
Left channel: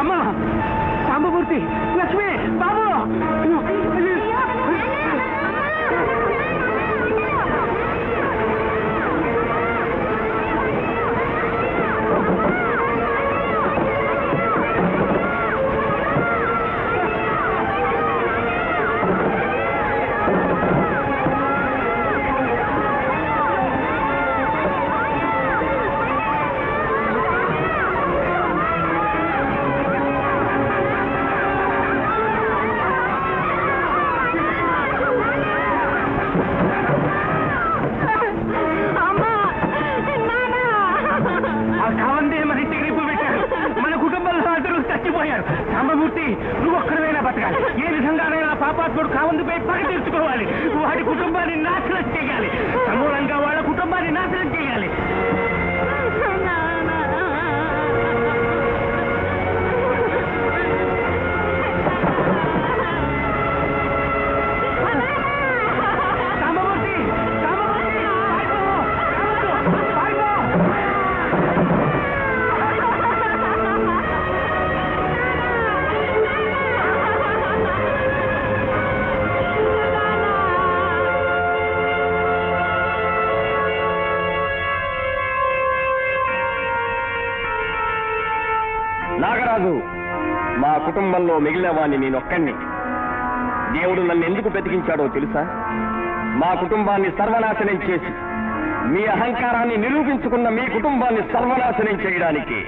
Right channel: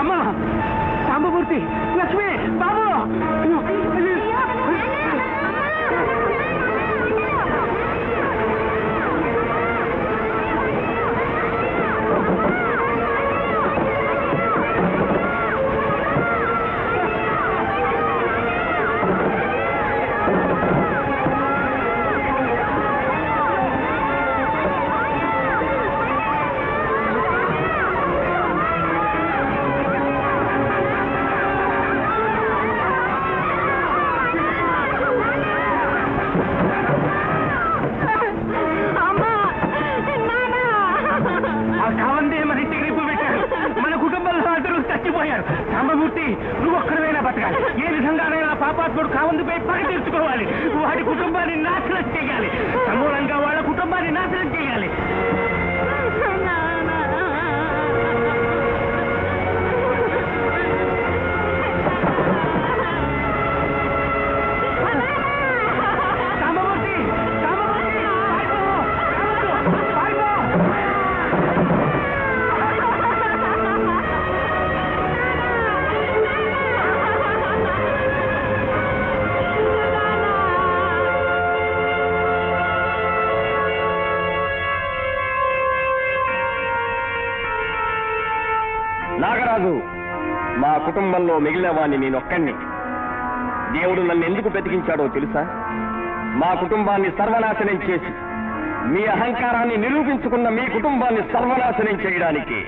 అమ్మా, సాంబమూర్తి, లక్ష్మి, బాబు! ఆ కావందే మన ఇంటికి రేపు పెట్టారు. మన కుటుంబంలో అందరూ చచ్చిపోయారు. సాంబమూర్తి, నువ్వు ఒక్కడైనా బతకాలి. ఏ విధంగానైనా పాపాత్ముడు కావందుపై పగ తీర్చుకోవాలి. వాడి కుటుంబాన్ని నాశనం చేయాలి. సమూలంగా వాళ్ళ కుటుంబాన్ని నాశనం చేయాలి. సాంబమూర్తి, సాంబమూర్తి, పారిపో! నాగరాజు, మా కుటుంబంలో మిగిలిన వాణ్ణి నేనొక్కడిని. దేవుడు నన్ను ఎందుకు బ్రతికించాడో తెలుసా? మా కుటుంబాన్ని సర్వనాశనం చేసి మీ అహంకారాన్ని నిరూపించుకున్న మీ కుటుంబాన్ని సర్వనాశనం చేయడానికి.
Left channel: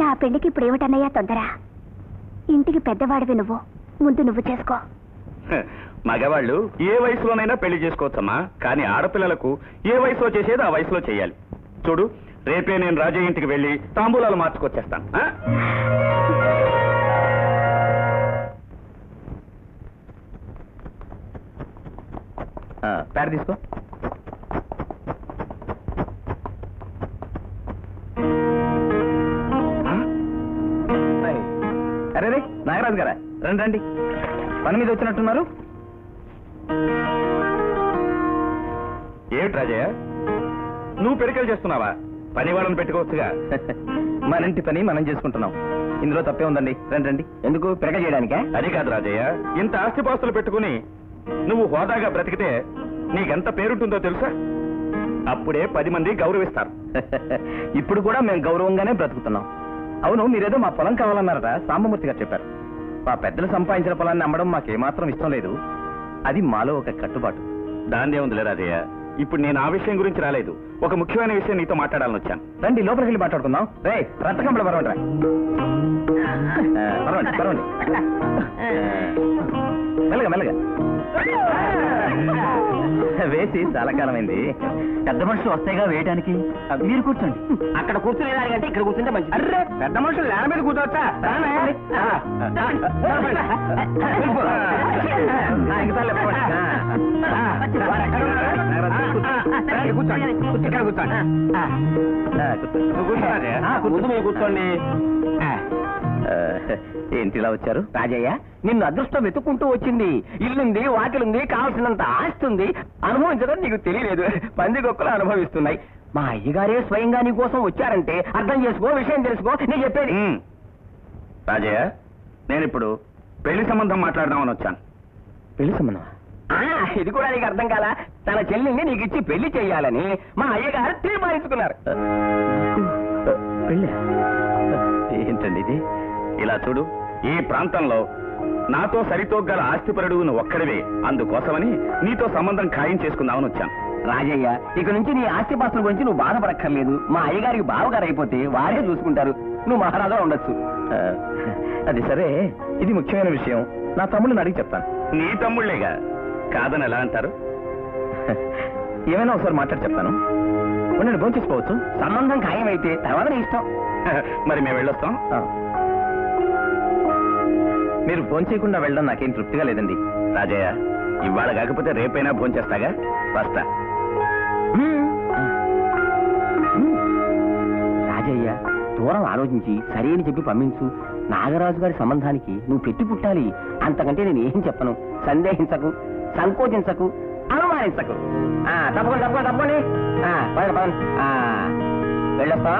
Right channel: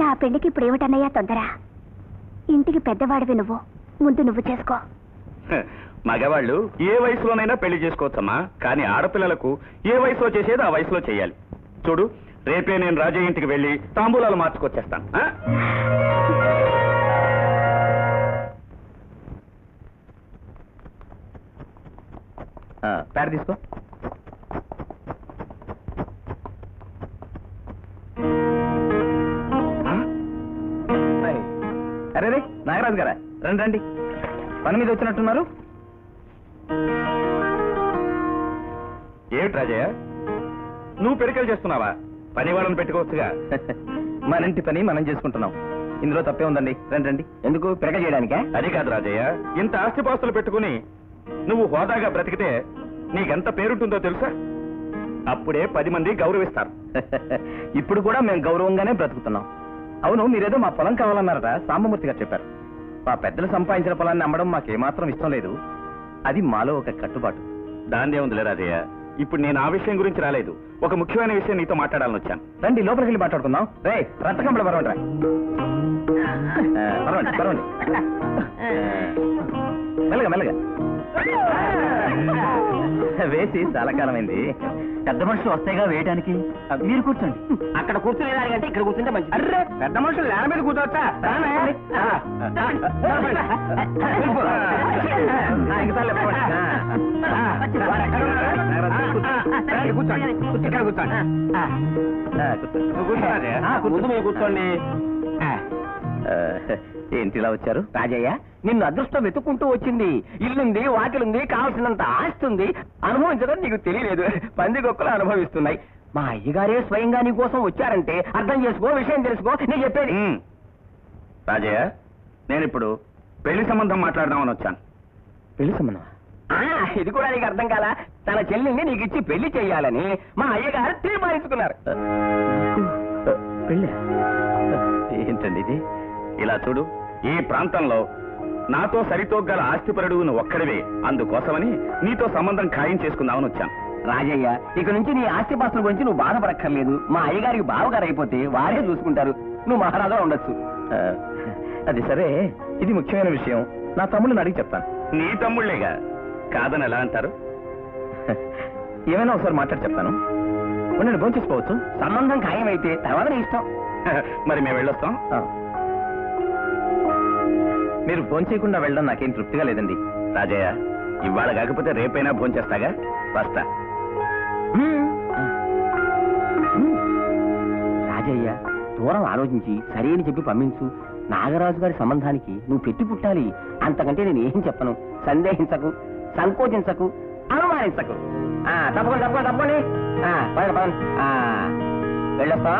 నా పెళ్లికి ఇప్పుడు ఏమిటన్నయ్యా తొందర? ఇంటికి పెద్దవాడివి నువ్వు, ముందు నువ్వు చేసుకో. మగవాళ్ళు ఏ వయసులోనైనా పెళ్లి చేసుకోవచ్చమ్మా, కానీ ఆడపిల్లలకు ఏ వయసులో చేసేది ఆ వయసులో చేయాలి. చూడు, రేపే నేను రాజయ్య ఇంటికి వెళ్ళి తాంబూలాలు మార్చుకొచ్చేస్తాను. పేర తీసుకో. నాగరాజు గారా, రండి రండి. పని మీద వచ్చినట్టున్నారు. ఏమిటి రాజయ్య, నువ్వు పెరికలు చేస్తున్నావా? పని వాళ్ళని పెట్టుకోవచ్చుగా. మన ఇంటి పని మనం చేసుకుంటున్నాం, ఇందులో తప్పే ఉందండి. రండి రండి. ఎందుకు పిడక చేయడానికే? అది కాదు రాజయ్య, ఇంత ఆస్తిపాస్తులు పెట్టుకుని నువ్వు హోదాగా బ్రతికితే నీకెంత పేరుంటుందో తెలుసా? అప్పుడే 10 మంది గౌరవిస్తారు. ఇప్పుడు కూడా మేము గౌరవంగానే బ్రతుకుతున్నాం. అవును, మీరేదో మా పొలం కావాలన్నారట, సాంబమూర్తి గారు చెప్పారు. మా పెద్దలు సంపాదించిన పొలాన్ని అమ్మడం మాకేమాత్రం ఇష్టం లేదు. అది మాలో ఒక కట్టుబాటు. దాన్నే ఉందిలే రాజయ్య. ఇప్పుడు నేను ఆ విషయం గురించి రాలేదు, ఒక ముఖ్యమైన విషయం నీతో మాట్లాడాలని వచ్చాను. రండి, లోపలికి వెళ్ళి మాట్లాడుకుందాం. రే రత్తకంపడ పరవండి రా. పరవండి పరవండి. మెల్లగా మెల్లగా వేసి చాలా కాలమైంది. పెద్ద మనుషులు వస్తాయిగా వేయడానికి. మీరు కూర్చోండి. అక్కడ కూర్చునేదానికంటే ఇక్కడ కూర్చుంటే మంచిది. అర్రే, పెద్ద మనుషులు నేల మీద కూర్చోవచ్చా? కూర్చోండి. ఏంటి ఇలా వచ్చారు? రాజయ్య, నిన్ను అదృష్టం వెతుక్కుంటూ వచ్చింది. ఇల్లుంది, వాకిలుంది, కావాల్సినంత ఆస్తుంది. అనుభవించడం నీకు తెలియలేదు. పందికొక్కలు అనుభవిస్తున్నాయి. మా అయ్యగారే స్వయంగా నీ కోసం వచ్చారంటే అర్థం చేసుకో, విషయం తెలుసుకో. నేను చెప్పేది. రాజయ్య, నేను ఇప్పుడు పెళ్లి సంబంధం మాట్లాడదామని వచ్చాను. పెళ్లి సంబంధం? ఇది కూడా నీకు అర్థం కాలా? తన చెల్లిని నీకు ఇచ్చి పెళ్లి చేయాలని మా అయ్యగారు తీర్మానించుకున్నారు. పెళ్ళి ఏంటండి ఇది? ఇలా చూడు, ఈ ప్రాంతంలో నాతో సరితోగల ఆస్తిపరుడు నువ్వు ఒక్కడివే. అందుకోసమని నీతో సంబంధం ఖాయం చేసుకుందామని వచ్చాను. రాజయ్య, ఇక నుంచి నీ ఆస్తిపాస్తుల గురించి నువ్వు బాధపడక్కర్లేదు. మా అయ్యగారికి బావగారు అయిపోతే వారే చూసుకుంటారు. నువ్వు మహారాజా ఉండొచ్చు. అది సరే, ఇది ముఖ్యమైన విషయం. నా తమ్ముళ్ళని అడిగి చెప్తాను. నీ తమ్ముళ్లేగా, కాదని ఎలా అంటారు? ఏమైనా ఒకసారి మాట్లాడి చెప్తాను. నేను ఫోన్ చేసుకోవచ్చు. సంబంధం ఖాయమైతే తర్వాత నీ ఇష్టం. మరి మేము వెళ్ళొస్తాం. మీరు ఫోన్ చేయకుండా వెళ్ళడం నాకేం తృప్తిగా లేదండి. రాజయ్య, ఇవాళ కాకపోతే రేపైనా ఫోన్ చేస్తాగా. వస్తా. రాజయ్య, దూరం ఆలోచించి సరైన చెప్పి పంపించు. నాగరాజు గారి సంబంధానికి నువ్వు పెట్టి పుట్టాలి. అంతకంటే నేను ఏం చెప్పను. సందేహించకు, సంకోచించకు, అనుమానించకు. తప్పకుండా తప్పకుండా తప్పండి. వెళ్ళొస్తా.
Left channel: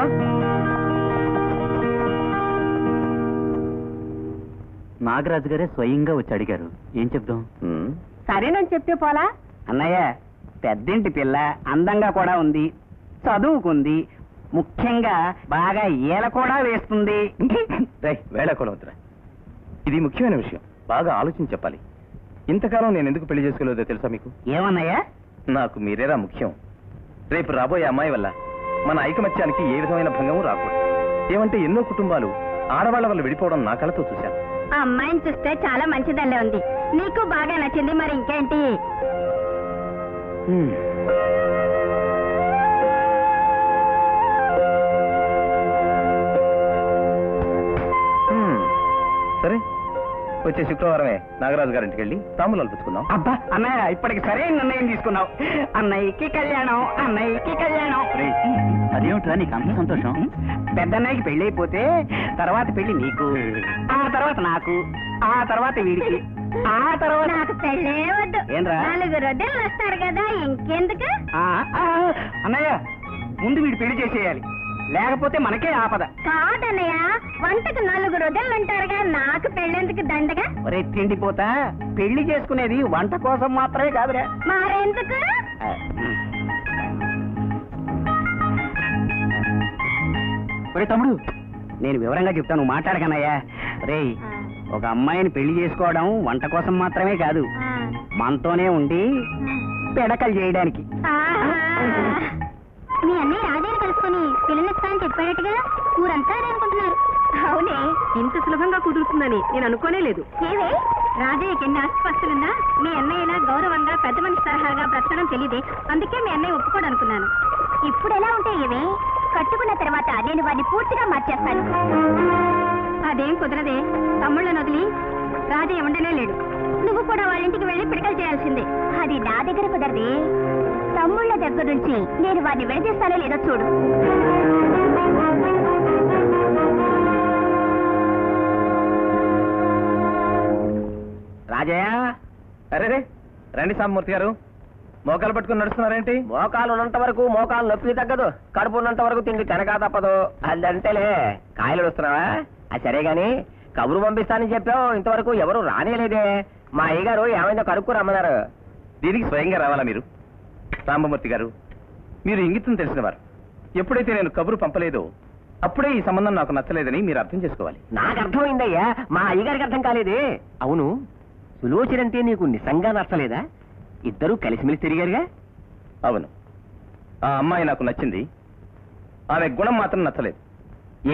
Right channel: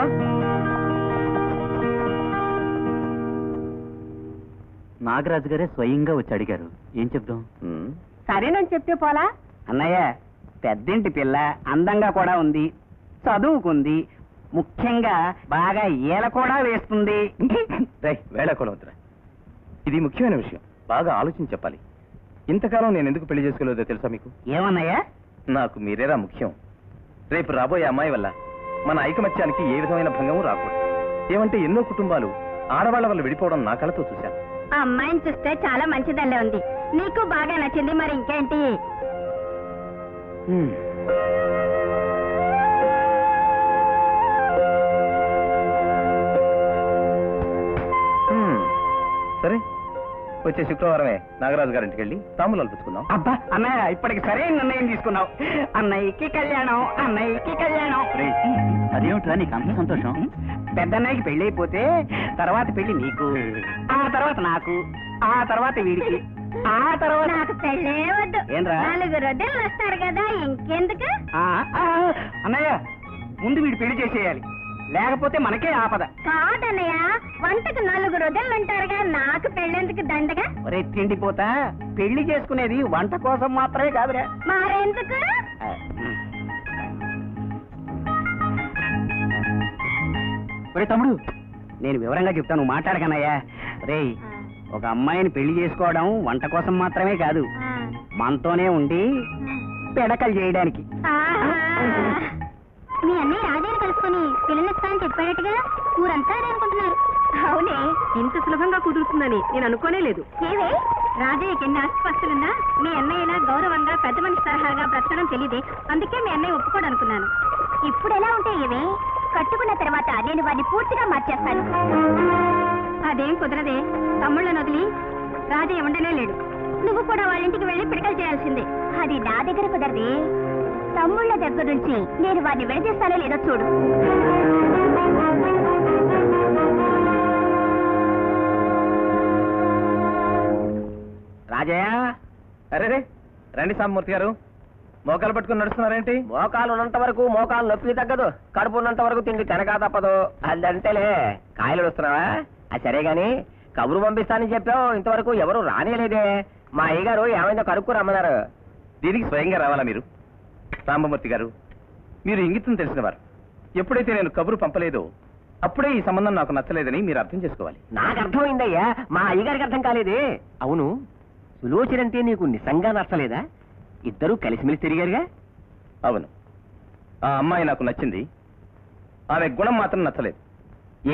నాగరాజు గారే స్వయంగా వచ్చి అడిగారు. ఏం చెప్దాం? సరేనని చెప్తే పోలా? అన్నయ్య, పెద్దింటి పిల్ల, అందంగా కూడా ఉంది, చదువుకుంది, ముఖ్యంగా బాగా ఈల కూడా వేస్తుంది. వేళ కూడా వద్దురా. ఇది ముఖ్యమైన విషయం, బాగా ఆలోచించి చెప్పాలి. ఇంతకాలం నేను ఎందుకు పెళ్లి చేసుకోలేదో తెలుసా మీకు? ఏమన్నయ్యా? నాకు మీరేరా ముఖ్యం. రేపు రాబోయే అమ్మాయి వల్ల మన ఐకమత్యానికి ఏ విధమైన భంగము రాకూడదు. ఏమంటే ఎన్నో కుటుంబాలు ఆడవాళ్ల వల్ల విడిపోవడం నా కళ్ళతో చూశాను. ఆ అమ్మాయిని చూస్తే చాలా మంచిదల్లే ఉంది. నీకు బాగా నచ్చింది, మరి ఇంకేంటి? సరే, వచ్చే శుక్రవారమే నాగరాజు గారింటికి వెళ్ళి తాంబూలాలు పుచ్చుకుందాం. అబ్బా అన్నయ్య, ఇప్పటికి సరైన నిర్ణయం తీసుకున్నావు. అన్నయ్యకి కళ్యాణం, అన్నయ్యకి కళ్యాణం. అదేమిట్రా నీకు అంత సంతోషం? పెద్దన్నయ్యకి పెళ్లి అయిపోతే తర్వాత పెళ్లి నీకు, ఆ తర్వాత నాకు, ఆ తర్వాత వీడికి, ఆ తర్వాత నాకు పెళ్ళే వద్దు. ఏంట్రా? 4 రొద్దెలు వస్తారు కదా, ఇంకెందుకు? అన్నయ్య, ముందు వీడి పెళ్లి చేసేయాలి, లేకపోతే మనకే ఆపద. కాదన్నయ్య, వంటకు 4 రొద్దెలు అంటారుగా, నాకు పెళ్ళెందుకు దండగా? ఒరే తిండిపోతా, పెళ్లి చేసుకునేది వంట కోసం మాత్రమే కాదురా. మరెందుకు? ఒరే తమ్ముడు, నేను వివరంగా చెప్తాను, మాట్లాడకనయ్యా. రేయ్, ఒక అమ్మాయిని పెళ్లి చేసుకోవడం వంట కోసం మాత్రమే కాదు, మనతోనే ఉండి పిడకలు చేయడానికి. మీ అన్నయ్య రాజాని కలుసుకొని పిల్లనిస్తానని చెప్పాడట్టుగా, ఊరంతా అనుకుంటున్నారు. అవునే, ఇంత సులభంగా కుదురుతుందని నేను అనుకోనే లేదు. ఏవే, రాజయ్యకి ఎన్ని ఆస్తిపాస్తులున్నా మీ అన్నయ్యలా గౌరవంగా పెద్ద మనిషి తరహాగా బ్రతకడం తెలియదే. అందుకే మీ అన్నయ్య ఒప్పుకోడు అనుకున్నాను. ఇప్పుడు ఎలా ఉంటే ఏవే, కట్టుకున్న తర్వాత నేను వాడిని పూర్తిగా మార్చేస్తాను. అదేం కుదరదే. తమ్ముళ్ళను వదిలి రాజయ్య ఉండనే లేడు. నువ్వు కూడా వాళ్ళ ఇంటికి వెళ్ళి పిడకలు చేయాల్సిందే. అది నా దగ్గర కుదరదే. తమ్ముళ్ళ దగ్గర నుంచి నేను వాడిని విడదీస్తానో లేదో చూడు. రాజయ్య, అరే రండి సాంబమూర్తి గారు, మోకాలు పట్టుకుని నడుస్తున్నారేంటి? మోకాలు ఉన్నంత వరకు మోకాలు నొప్పి తగ్గదు, కడుపు ఉన్నంత వరకు తిండి తినగా తప్పదు. అదంతేలే. కాయలు వస్తున్నావా? అది సరే గాని కబురు పంపిస్తానని చెప్పావు, ఇంతవరకు ఎవరు రానేలేదే. మా అయ్యగారు ఏమైందో కనుక్కు రమ్మన్నారు. దీనికి స్వయంగా రావాలా మీరు? సాంబమూర్తి గారు, మీరు ఇంగితం తెలిసినవారు. ఎప్పుడైతే నేను కబురు పంపలేదో అప్పుడే ఈ సంబంధం నాకు నచ్చలేదని మీరు అర్థం చేసుకోవాలి. నాకు అర్థమైందయ్యా, మా అయ్యగారికి అర్థం కాలేదే. అవును, సులోచనంటే నీకు నిజంగా నచ్చలేదా? ఇద్దరూ కలిసిమెలిసి తిరిగారుగా. అవును, ఆ అమ్మాయి నాకు నచ్చింది, ఆమె గుణం మాత్రం నచ్చలేదు.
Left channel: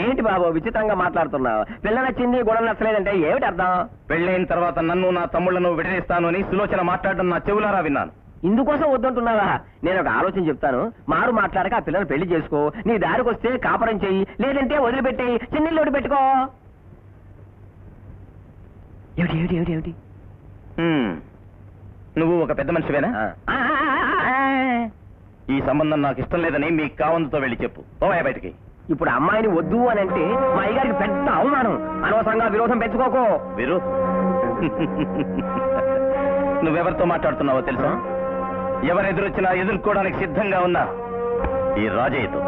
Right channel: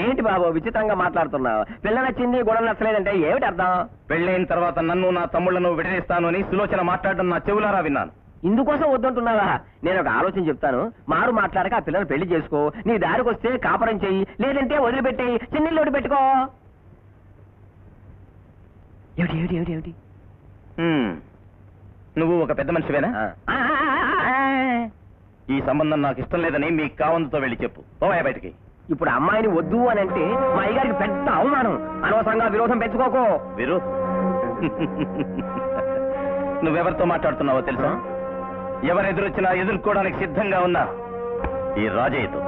ఏంటి బాబు విచిత్రంగా మాట్లాడుతున్నావు? పిల్ల నచ్చింది, గుణం నచ్చలేదంటే ఏమిటి అర్థం? పెళ్ళైన తర్వాత నన్ను నా తమ్ముళ్లను విడదీస్తాను అని సులోచన మాట్లాడడం నా చెవులారా విన్నాను. ఇందుకోసం వద్దంటున్నావా? నేను ఒక ఆలోచన చెప్తాను. మారు మాట్లాడక ఆ పిల్లని పెళ్లి చేసుకో. నీ దారికి వస్తే కాపురం చెయ్యి, లేదంటే వదిలిపెట్టేయి, చిన్నిల్లోడి పెట్టుకో. ఏమిటి ఏమిటి ఏమిటి ఏమిటి? నువ్వు ఒక పెద్ద మనిషివేనా? ఈ సంబంధం నాకు ఇష్టం లేదని మీ కావంతో వెళ్ళి చెప్పు. ఓయ్ బయటికి. ఇప్పుడు అమ్మాయిని వద్దు అని అంటే మా అయ్యగారికి పెద్ద అవమానం. అనవసరంగా విరోధం పెంచుకోకు. వీరు నువ్వెవరితో మాట్లాడుతున్నావో తెలుసా? ఎవరెదురొచ్చినా ఎదుర్కోవడానికి సిద్ధంగా ఉన్నా ఈ రాజయ్యతో.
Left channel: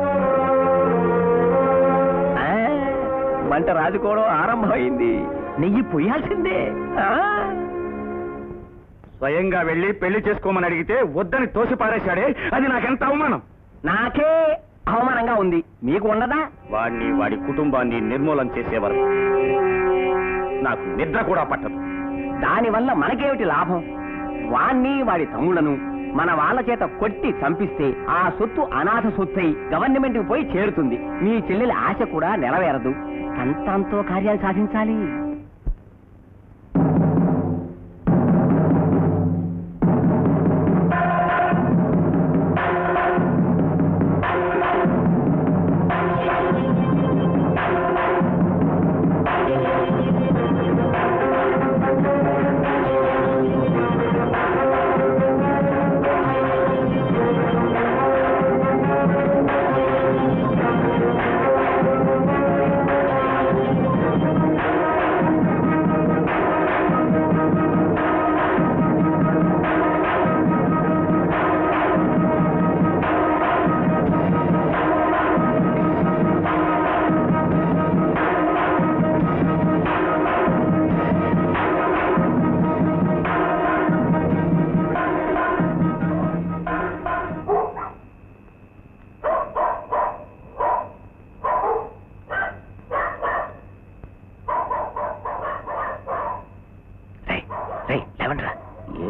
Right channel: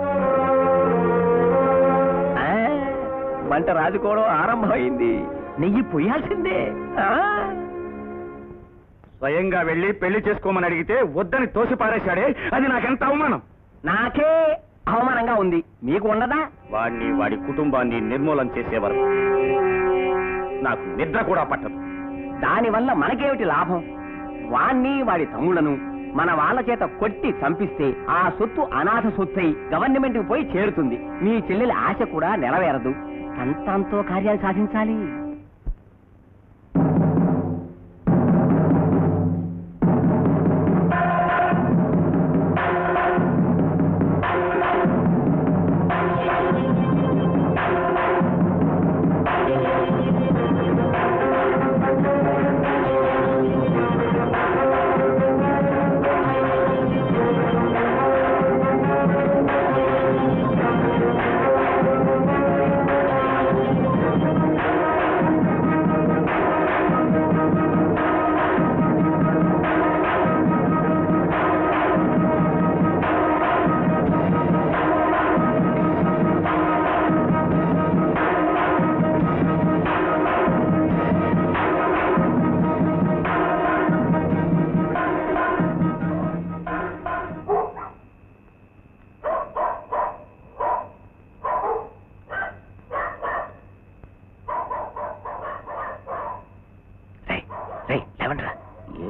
వంట రాజుకోవడం ఆరంభమైంది. నెయ్యి పొయ్యాల్సిందే. స్వయంగా వెళ్ళి పెళ్లి చేసుకోమని అడిగితే వద్దని తోసి పారేశాడే, అది నాకెంత అవమానం. నాకే అవమానంగా ఉంది, మీకు ఉండదా? వాడిని, వాడి కుటుంబాన్ని నిర్మూలన చేసేవారు నాకు నిద్ర కూడా పట్టదు. దానివల్ల మనకేమిటి లాభం? వాణ్ణి వాడి తమ్ముళ్లను మన వాళ్ళ చేత కొట్టి చంపిస్తే ఆ సొత్తు అనాథ సొత్తై గవర్నమెంట్ కి పోయి చేరుతుంది. మీ చెల్లెలి ఆశ కూడా నెరవేరదు. అంతంతో కార్యాలు సాధించాలి.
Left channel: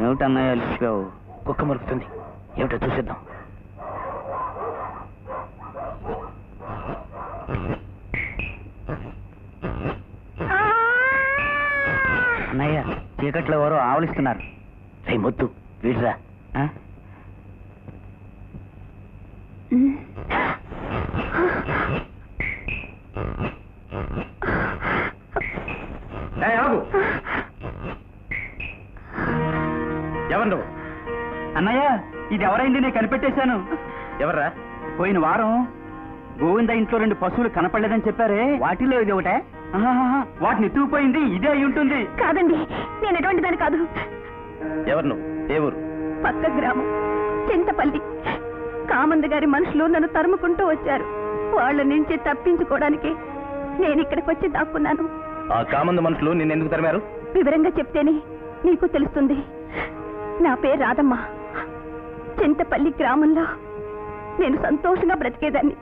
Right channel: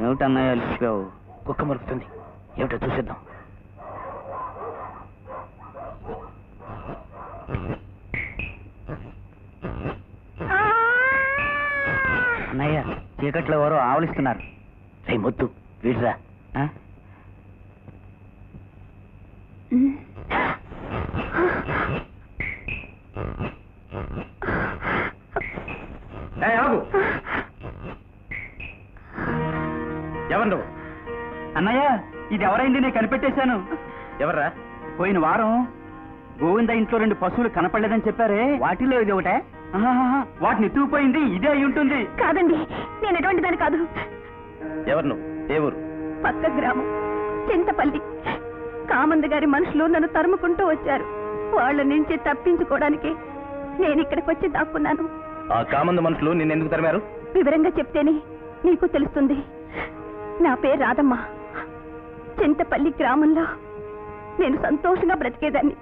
ఏమిటన్నాయో అలిసిపోయావు? కుక్క మరుపుతుంది, ఏమిటో చూసేద్దాం. అన్నయ్య, చీకట్లో ఎవరో ఆవలిస్తున్నారు. మొద్దు వీడ్రా. ఎవరు నువ్వు? అన్నయ్య, ఇది ఎవరైంది? నేను కనిపెట్టేశాను. ఎవర్రా? పోయిన వారం గోవింద ఇంట్లో 2 పశువులు కనపడలేదని చెప్పారే, వాటిలో ఇది ఒకటే. వాటిని ఎత్తుకుపోయింది ఇదే అయి ఉంటుంది. కాదండి, నేను ఎటువంటి దాని కాదు. ఎవరు నువ్వు? ఏ ఊరు? పక్క గ్రామం చింతపల్లి. కామంద గారి మనుషులు నన్ను తరుముకుంటూ వచ్చారు. వాళ్ళ నుంచి తప్పించుకోవడానికి నేను ఇక్కడికి వచ్చి దాక్కున్నాను. ఆ కామంద మనుషులు నిన్నెందుకు తరిమారు? వివరంగా చెప్తేనే నీకు తెలుస్తుంది. నా పేరు రాధమ్మ. చింతపల్లి గ్రామంలో నేను సంతోషంగా బ్రతికేదాన్ని.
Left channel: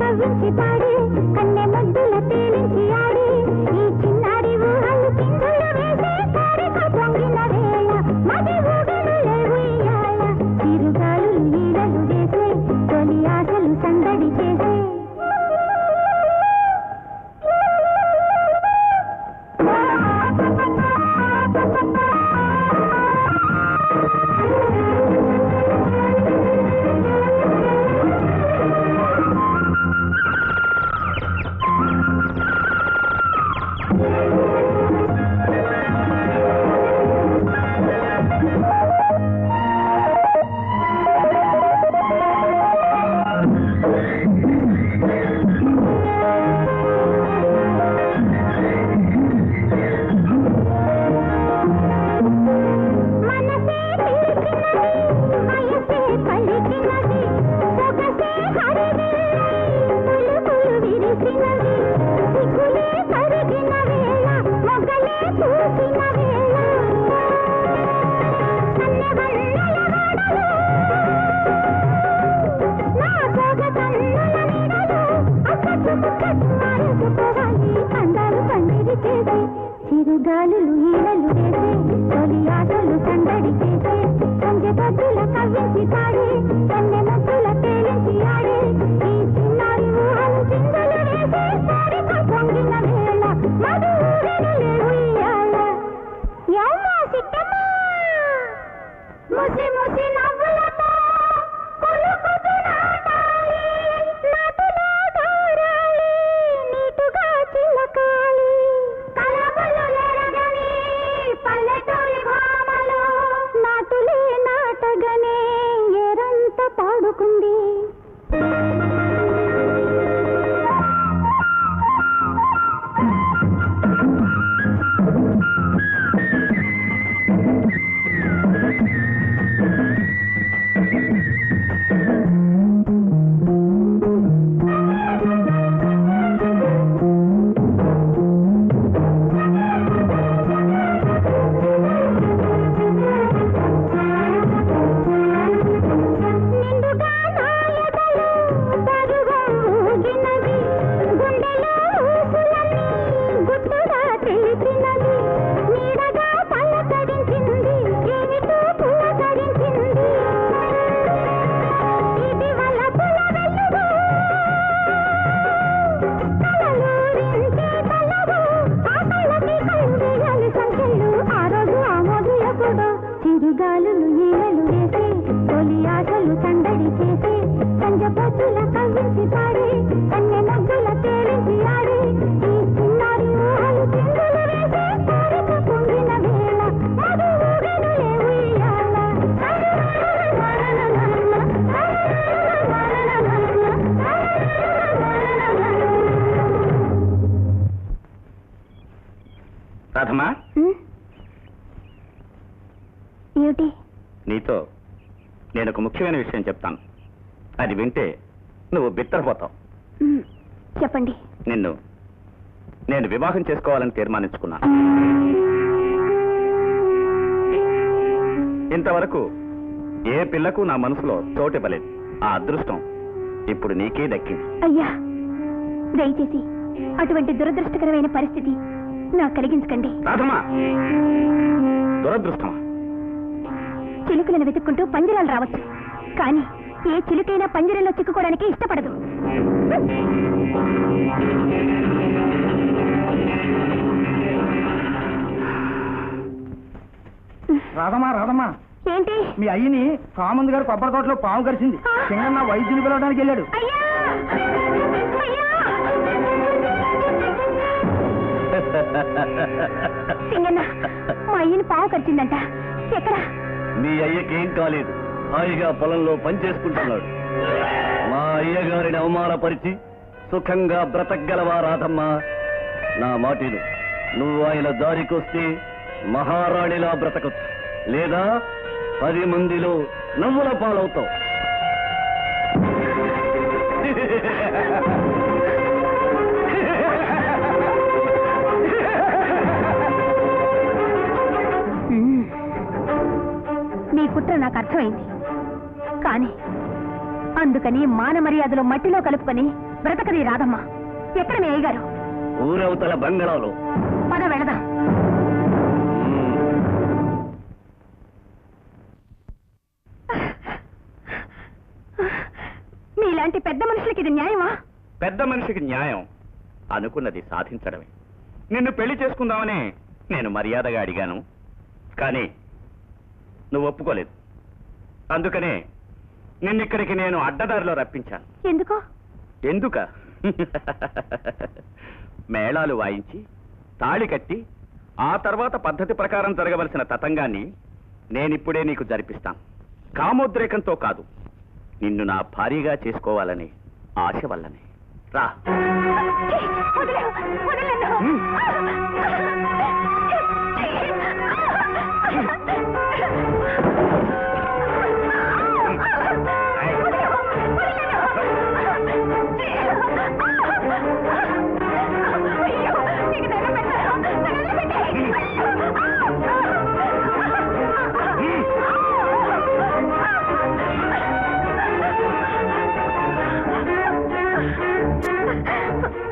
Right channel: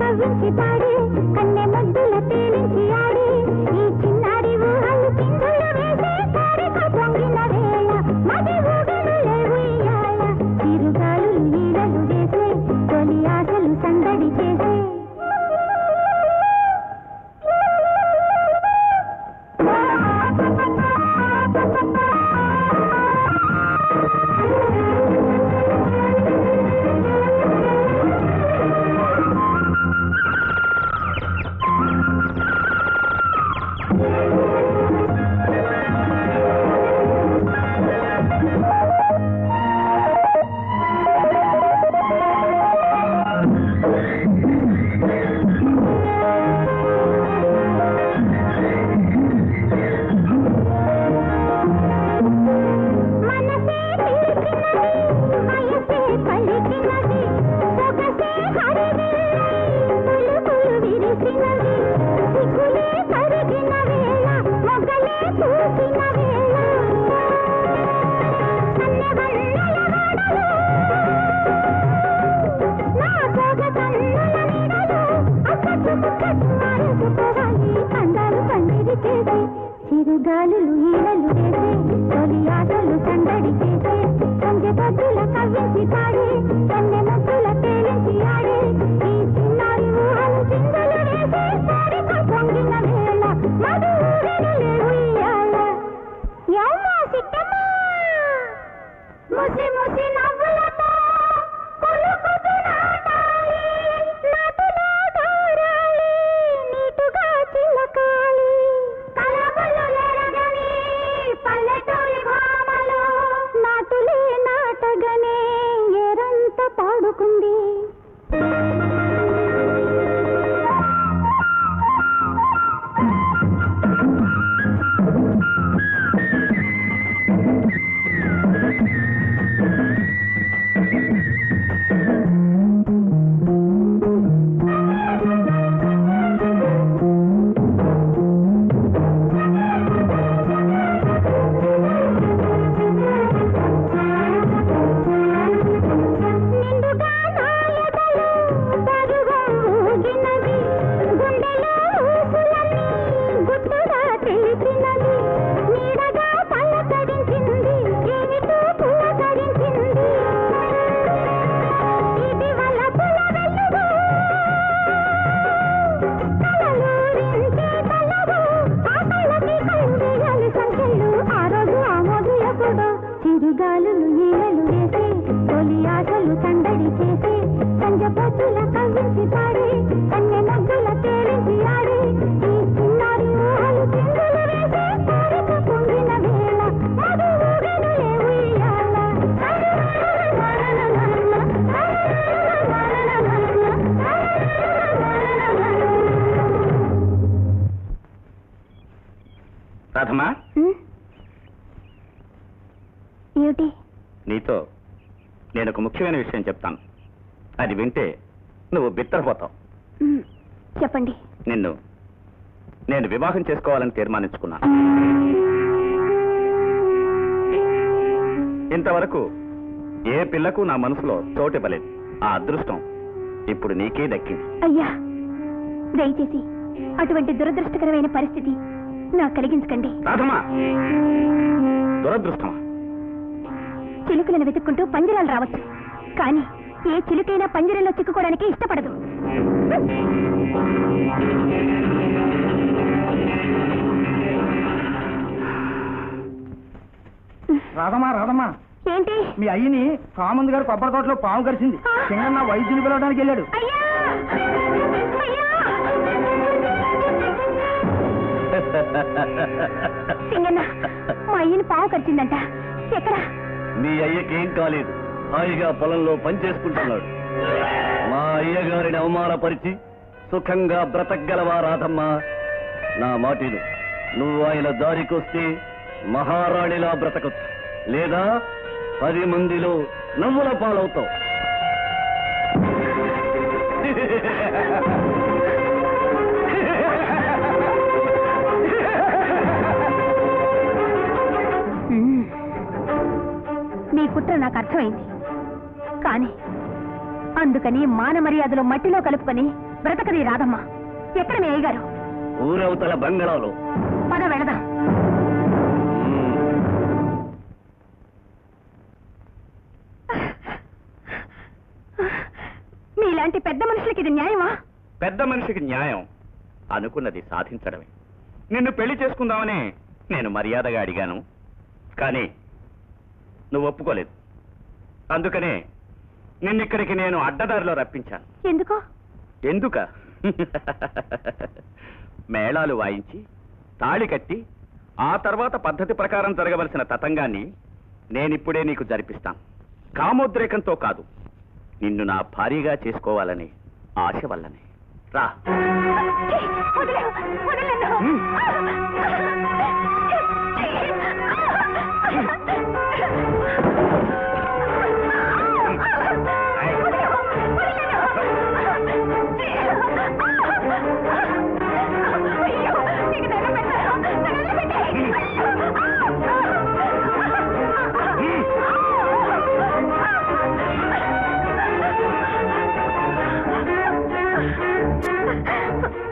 కవ్వించి పాడి కన్నె ముద్దుల తేలించి ఆడి ఈ చిన్నారి ఊహలు చిందులు వేసే కోరిక పొంగిన వేళ మది ఊగనులే ఉయ్యాల చిరుగాలులు ఈలలు వేసే తొలి ఆశలు సందడి చేసే చిరుగాలులు ఈలలు వేసే తొలి ఆశలు సందడి చేసే సంజె బద్దుల కవ్వించి పాడి కన్నె ముద్దుల తేలించి ఆడి ఈ చిన్నారి ఊహలు చిందులు వేసే కోరిక పొంగిన వేళ మధు ఊరెనులే ఉయ్యాల యమ్మ సిట్టమ్మ ముసి ముసి నవ్వులతో కులుకుతూ నీటుగా చిలకాలి కలబలు లేరగని పల్లెటూరి భామలు నాటులే నాటగనే ఎరంత పాడుకుంది చిరుగాలులు ఈలలు వేసే తొలి ఆశలు సందడి చేసే సంజె బద్దుల కవ్వించి పాడి కన్నె ముద్దుల తేలించి ఆడి ఈ చిన్నారి ఊహలు చిందులు వేసే కోరిక పొంగిన వేళ మధు ఊగనులే ఉయ్యాల రాధమ్మా ఏమిటి నీతో నేను ఒక ముఖ్యమైన విషయం చెప్తాను. అది వింటే నువ్వు బిత్తరపోతావు. చెప్పండి. నేను వివాహం చేసుకోవాలని తీర్మానించుకున్నాను. ఇంతవరకు ఏ పిల్లకు నా మనసులో చోటివ్వలేదు. ఆ అదృష్టం ఇప్పుడు నీకే దక్కింది. అయ్యా, దయచేసి అటువంటి దురదృష్టకరమైన పరిస్థితి నాకు కలిగించకండి. రాధమ్మా, దురదృష్టమా? చిలుకలను వెతుక్కుంటూ పంజరాలు రావచ్చు, కానీ ఏ చిలుకైనా పంజరంలో చిక్కుకోవడానికి ఇష్టపడదు. రాధమ్మా ఏంటి? మీ అయ్యని కామంద్ గారు కొబ్బరి తోటలో పాము కరిచింది. సింగన్న వైద్యుని పిలవడానికి వెళ్ళాడు. సింగన్న, మా అయ్యని పాము కరిచిందంట. ఎక్కడ? మీ అయ్యకేం కాలేదు, హాయిగా పొలంలో పనిచేసుకుంటున్నాడు. మా అయ్యగారిని అవమానపరిచి సుఖంగా బ్రతకగలవా రాధమ్మా? నా మాటిను, నువ్వు ఆయన దారికొస్తే మహారాణిలా బ్రతకచ్చు, లేదా 10 మందిలో నవ్వుల పాలవుతావు. నీ కుట్ర నాకు అర్థమైంది, కానీ అందుకని మాన మర్యాద మర్యాదలు మట్టిలో కలుపుకొని బ్రతకది రాదమ్మా. ఎక్కడ మీ అయ్యగారు? ఊరవతల బంగళాలో. పద వెళదాం. మీలాంటి పెద్ద మనుషులకి ఇది న్యాయమా? పెద్ద మనిషికి న్యాయం అనుకున్నది సాధించడమే. నిన్ను పెళ్లి చేసుకుందామని నేను మర్యాదగా అడిగాను, కానీ నువ్వు ఒప్పుకోలేదు. అందుకనే నిన్నిక్కడికి నేను అడ్డదారిలో రప్పించాను. ఎందుకు? ఎందుక? మేళాలు వాయించి తాళి కట్టి ఆ తర్వాత పద్ధతి ప్రకారం జరగవలసిన తతంగాన్ని నేనిప్పుడే నీకు జరిపిస్తాను. కామోద్రేకంతో కాదు, నిన్ను నా భారీగా చేసుకోవాలని ఆశ వల్లనే. రా.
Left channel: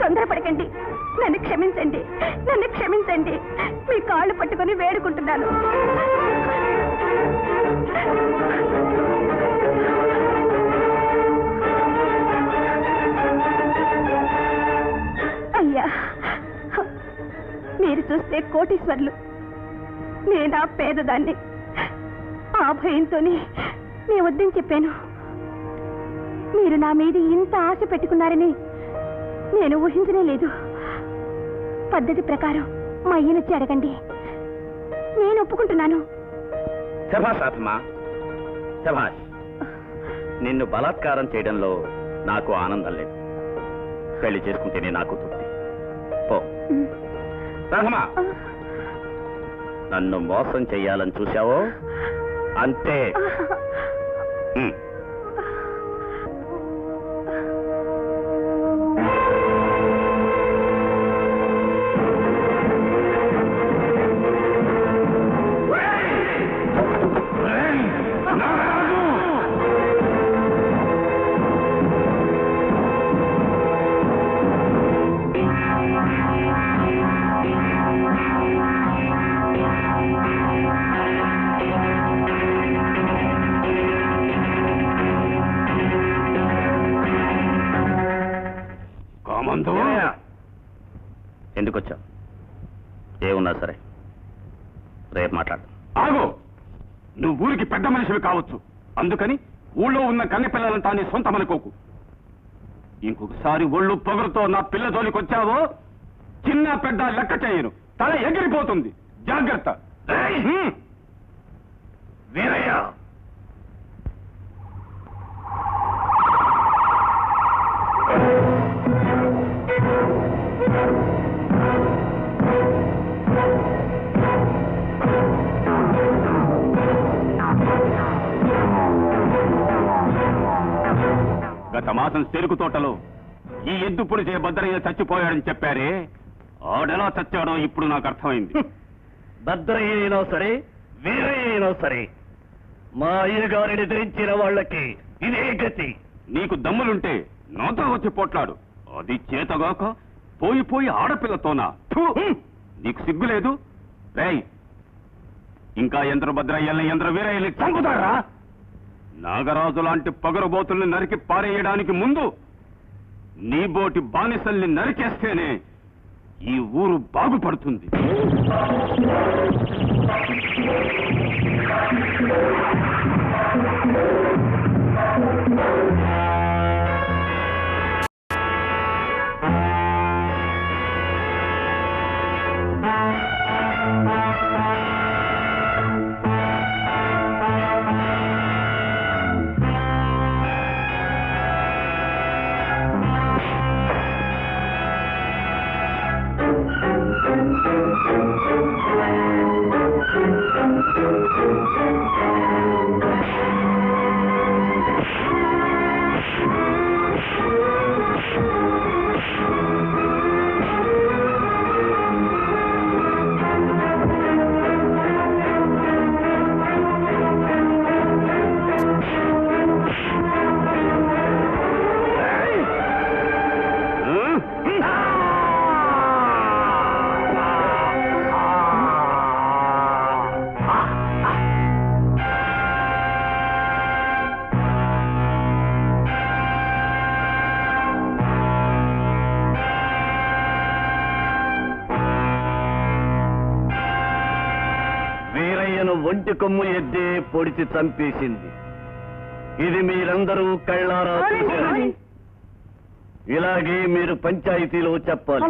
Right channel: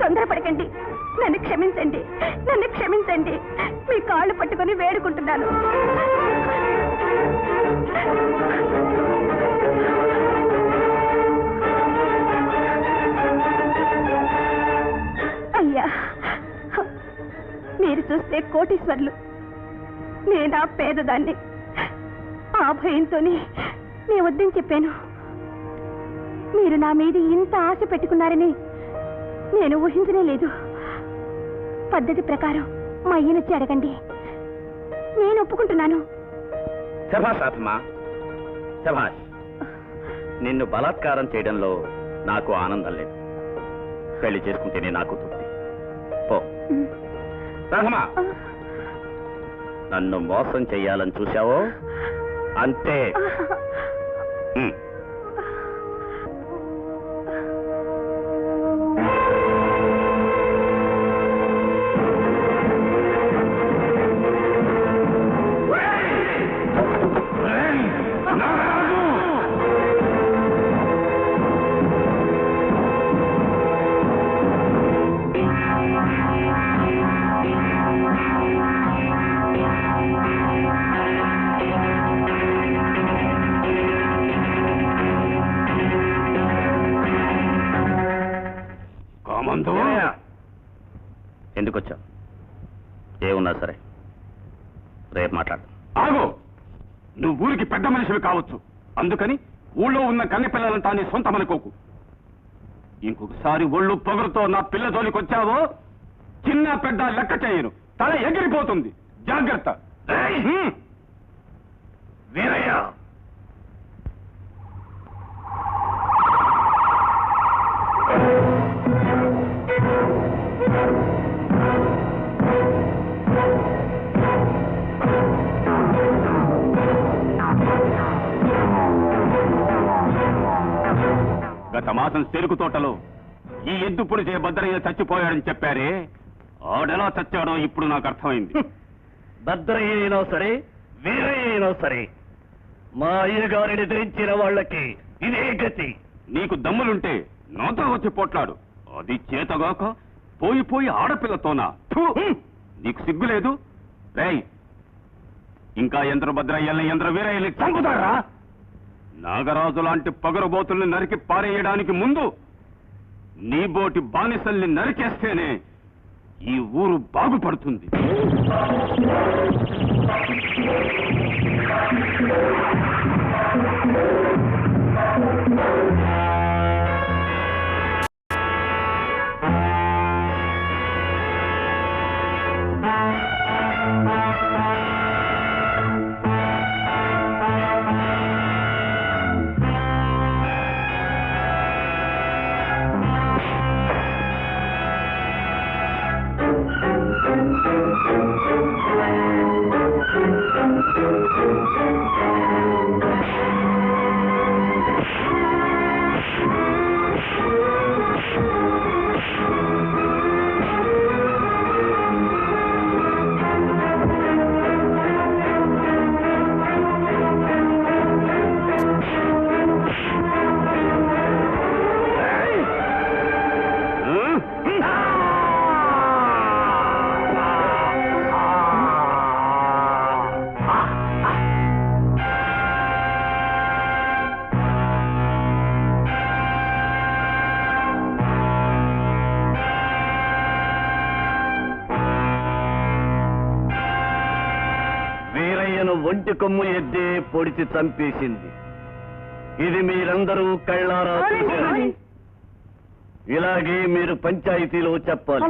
తొందరపడకండి, నన్ను క్షమించండి, నన్ను క్షమించండి. మీ కాళ్ళు పట్టుకొని వేడుకుంటున్నాను. అయ్యా, మీరు చూస్తే కోటీశ్వర్లు, నేనా పేదదాన్ని. ఆ భయంతోనే నీ వద్దని చెప్పాను. మీరు నా మీద ఇంత ఆశ పెట్టుకున్నారని నేను ఊహించనే లేదు. పద్ధతి ప్రకారం మా అయ్యనొచ్చి అడగండి, నేను ఒప్పుకుంటున్నాను. శభాష్ ఆత్మా, శభాష్. నిన్ను బలాత్కారం చేయడంలో నాకు ఆనందం లేదు. పెళ్లి చేసుకుంటేనే నాకు తృప్తి. పో. రహమా, నన్ను మోసం చెయ్యాలని చూశావో అంతే. ఎందుకు వచ్చావు? ఏమున్నా సరే రేపు మాట్లాడు. ఆగు. నువ్వు ఊరికి పెద్ద మనిషివి కావచ్చు, అందుకని ఊళ్ళో ఉన్న కన్నె పిల్లలంతా నీ సొంతమనుకోకు. ఇంకొకసారి ఒళ్ళు పొగరుతో నా పిల్ల జోలికి వచ్చావో చిన్న పెద్ద లెక్క చేయను, తల ఎగిరిపోతుంది. జాగ్రత్త. వీరయ్య, గత మాసం చెరుకు తోటలో ఈ ఎద్దు పుడిచే భద్రయ్య చచ్చిపోయాడని చెప్పారే, ఆడెలా చచ్చాడో ఇప్పుడు నాకు అర్థమైంది. భద్రయ్య అయినా సరే వీరయ్య అయినా సరే మా అయ్యగారిని ధరించిన వాళ్ళకి ఇదే గతి. నీకు దమ్ములుంటే నాతో వచ్చి పోట్లాడు, అది చేతగాక పోయి ఆడపిల్లతోనా? థూ! నీకు సిగ్గులేదు? రేయ్, ఇంకా యంత్ర భద్రయ్యల్ని యంత్ర వీరయ్యల్ని చంపుతారా? నాగరాజు లాంటి పగరబోతుల్ని నరికి పారేయడానికి ముందు నీ బోటి బానిసల్ని నరికేస్తేనే ఈ ఊరు బాగుపడుతుంది. ఒంటి కొమ్ము ఎద్దే పొడిచి చంపేసింది. ఇది మీరందరూ కళ్ళారా చూశారు. ఇలాగే మీరు పంచాయతీలో చెప్పాలి.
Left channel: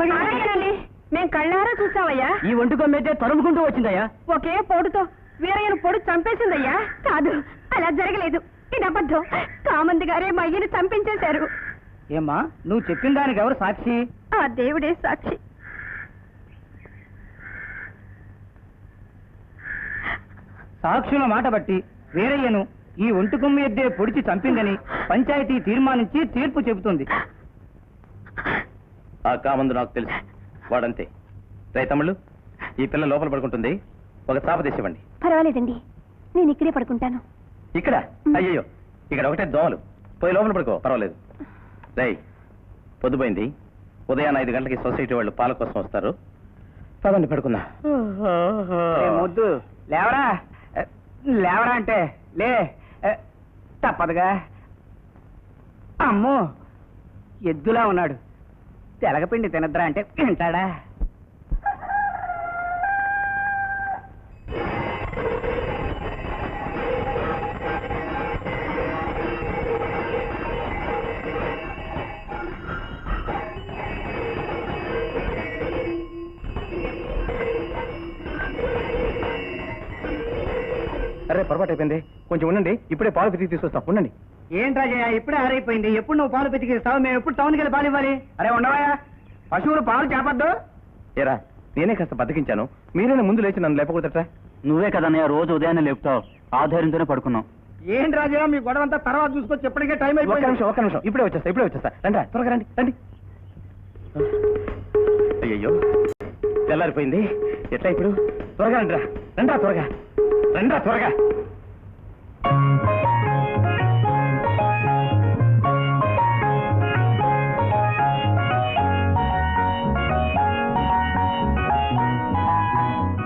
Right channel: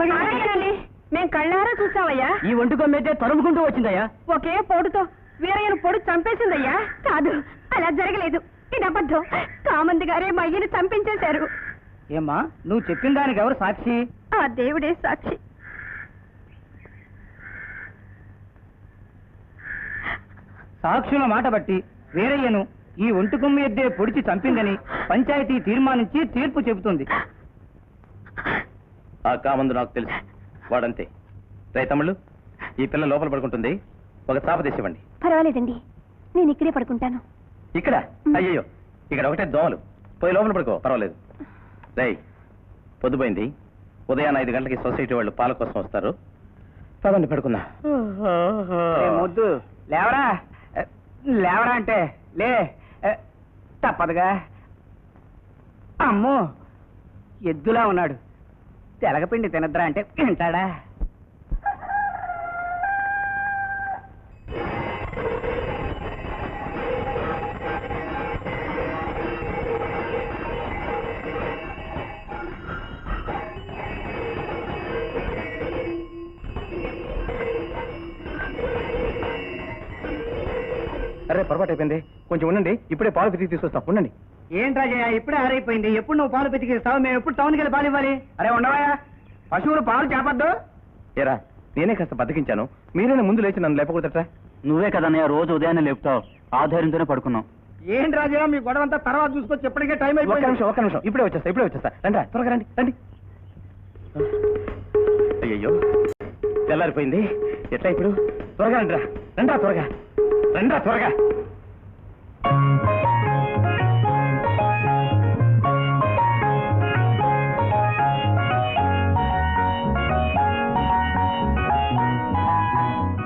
మేము కళ్ళారా చూసామయ్యా. ఈ ఒంటి కొమ్మైతే తరుముకుంటూ వచ్చిందయ్యా. ఒకే పొడుతో వీరయ్యను పొడి చంపేసిందయ్యా. కాదు, అలా జరగలేదు. ఇది అబద్ధం. కామంది గారే మా అయ్యని చంపించేశారు. ఏమ్మా నువ్వు చెప్పిన దానికి ఎవరు సాక్షి? ఆ దేవుడే సాక్షి. సాక్షుల మాట బట్టి వీరయ్యను ఈ ఒంటి కొమ్ము ఎద్దే పొడిచి చంపిందని పంచాయతీ తీర్మానించి తీర్పు చెబుతుంది. ఆ కామందు నాకు తెలుసు, వాడంతే. రైతమ్ముళ్ళు, ఈ పిల్ల లోపల పడుకుంటుంది, ఒక చాప తీసివ్వండి. పర్వాలేదండి, నేను ఇక్కడే పడుకుంటాను. ఇక్కడ? అయ్యో, ఇక్కడ ఒకటే దోమలు. పోయి లోపల పడుకో, పర్వాలేదు. రై, పొద్దుపోయింది. ఉదయాన్న 5 గంటలకి సొసైటీ వాళ్ళు పాల కోసం వస్తారు. పదండి పడుకుందా. ముద్దు లేవరా, లేవరా అంటే లే, తప్పదుగా. అమ్మో, ఎద్దులా ఉన్నాడు. తెలగపిండి తినద్రా అంటే తింటాడా? అరే, పొరపాటు అయిపోయింది. కొంచెం ఉండండి, ఇప్పుడే పాలు పితికి తీసుకొస్తాం. ఉండండి. ఏంటి రాజయ్య, ఇప్పుడే ఆరైపోయింది. ఎప్పుడు నువ్వు పాలు పితికిస్తావు? మేము ఎప్పుడు టౌన్కి వెళ్ళి పాలు ఇవ్వాలి? అరే ఉండవా, పశువులు పాలు చేపద్దు. ఏరా, నేనే కాస్త బతికించాను, మీరేనా ముందు లేచి నన్ను లేపకూడదట? నువ్వే కదన్నయ్య రోజు ఉదయాన్నే లేపుతావు. ఆధారంతోనే పడుకున్నాం. ఏంటి రాజయ్య, మీ గొడవ అంతా తర్వాత చూసుకొచ్చి ఎప్పటికే టైం ఒక్క నిమిషం, ఒక్క నిమిషం. ఇప్పుడే వచ్చేస్తా. రండి, త్వరగా రండి, రండి. అయ్యయ్యో, తెల్లారిపోయింది. ఎట్లా ఇప్పుడు? త్వరగా రండి, రండా త్వరగా, రండా త్వరగా.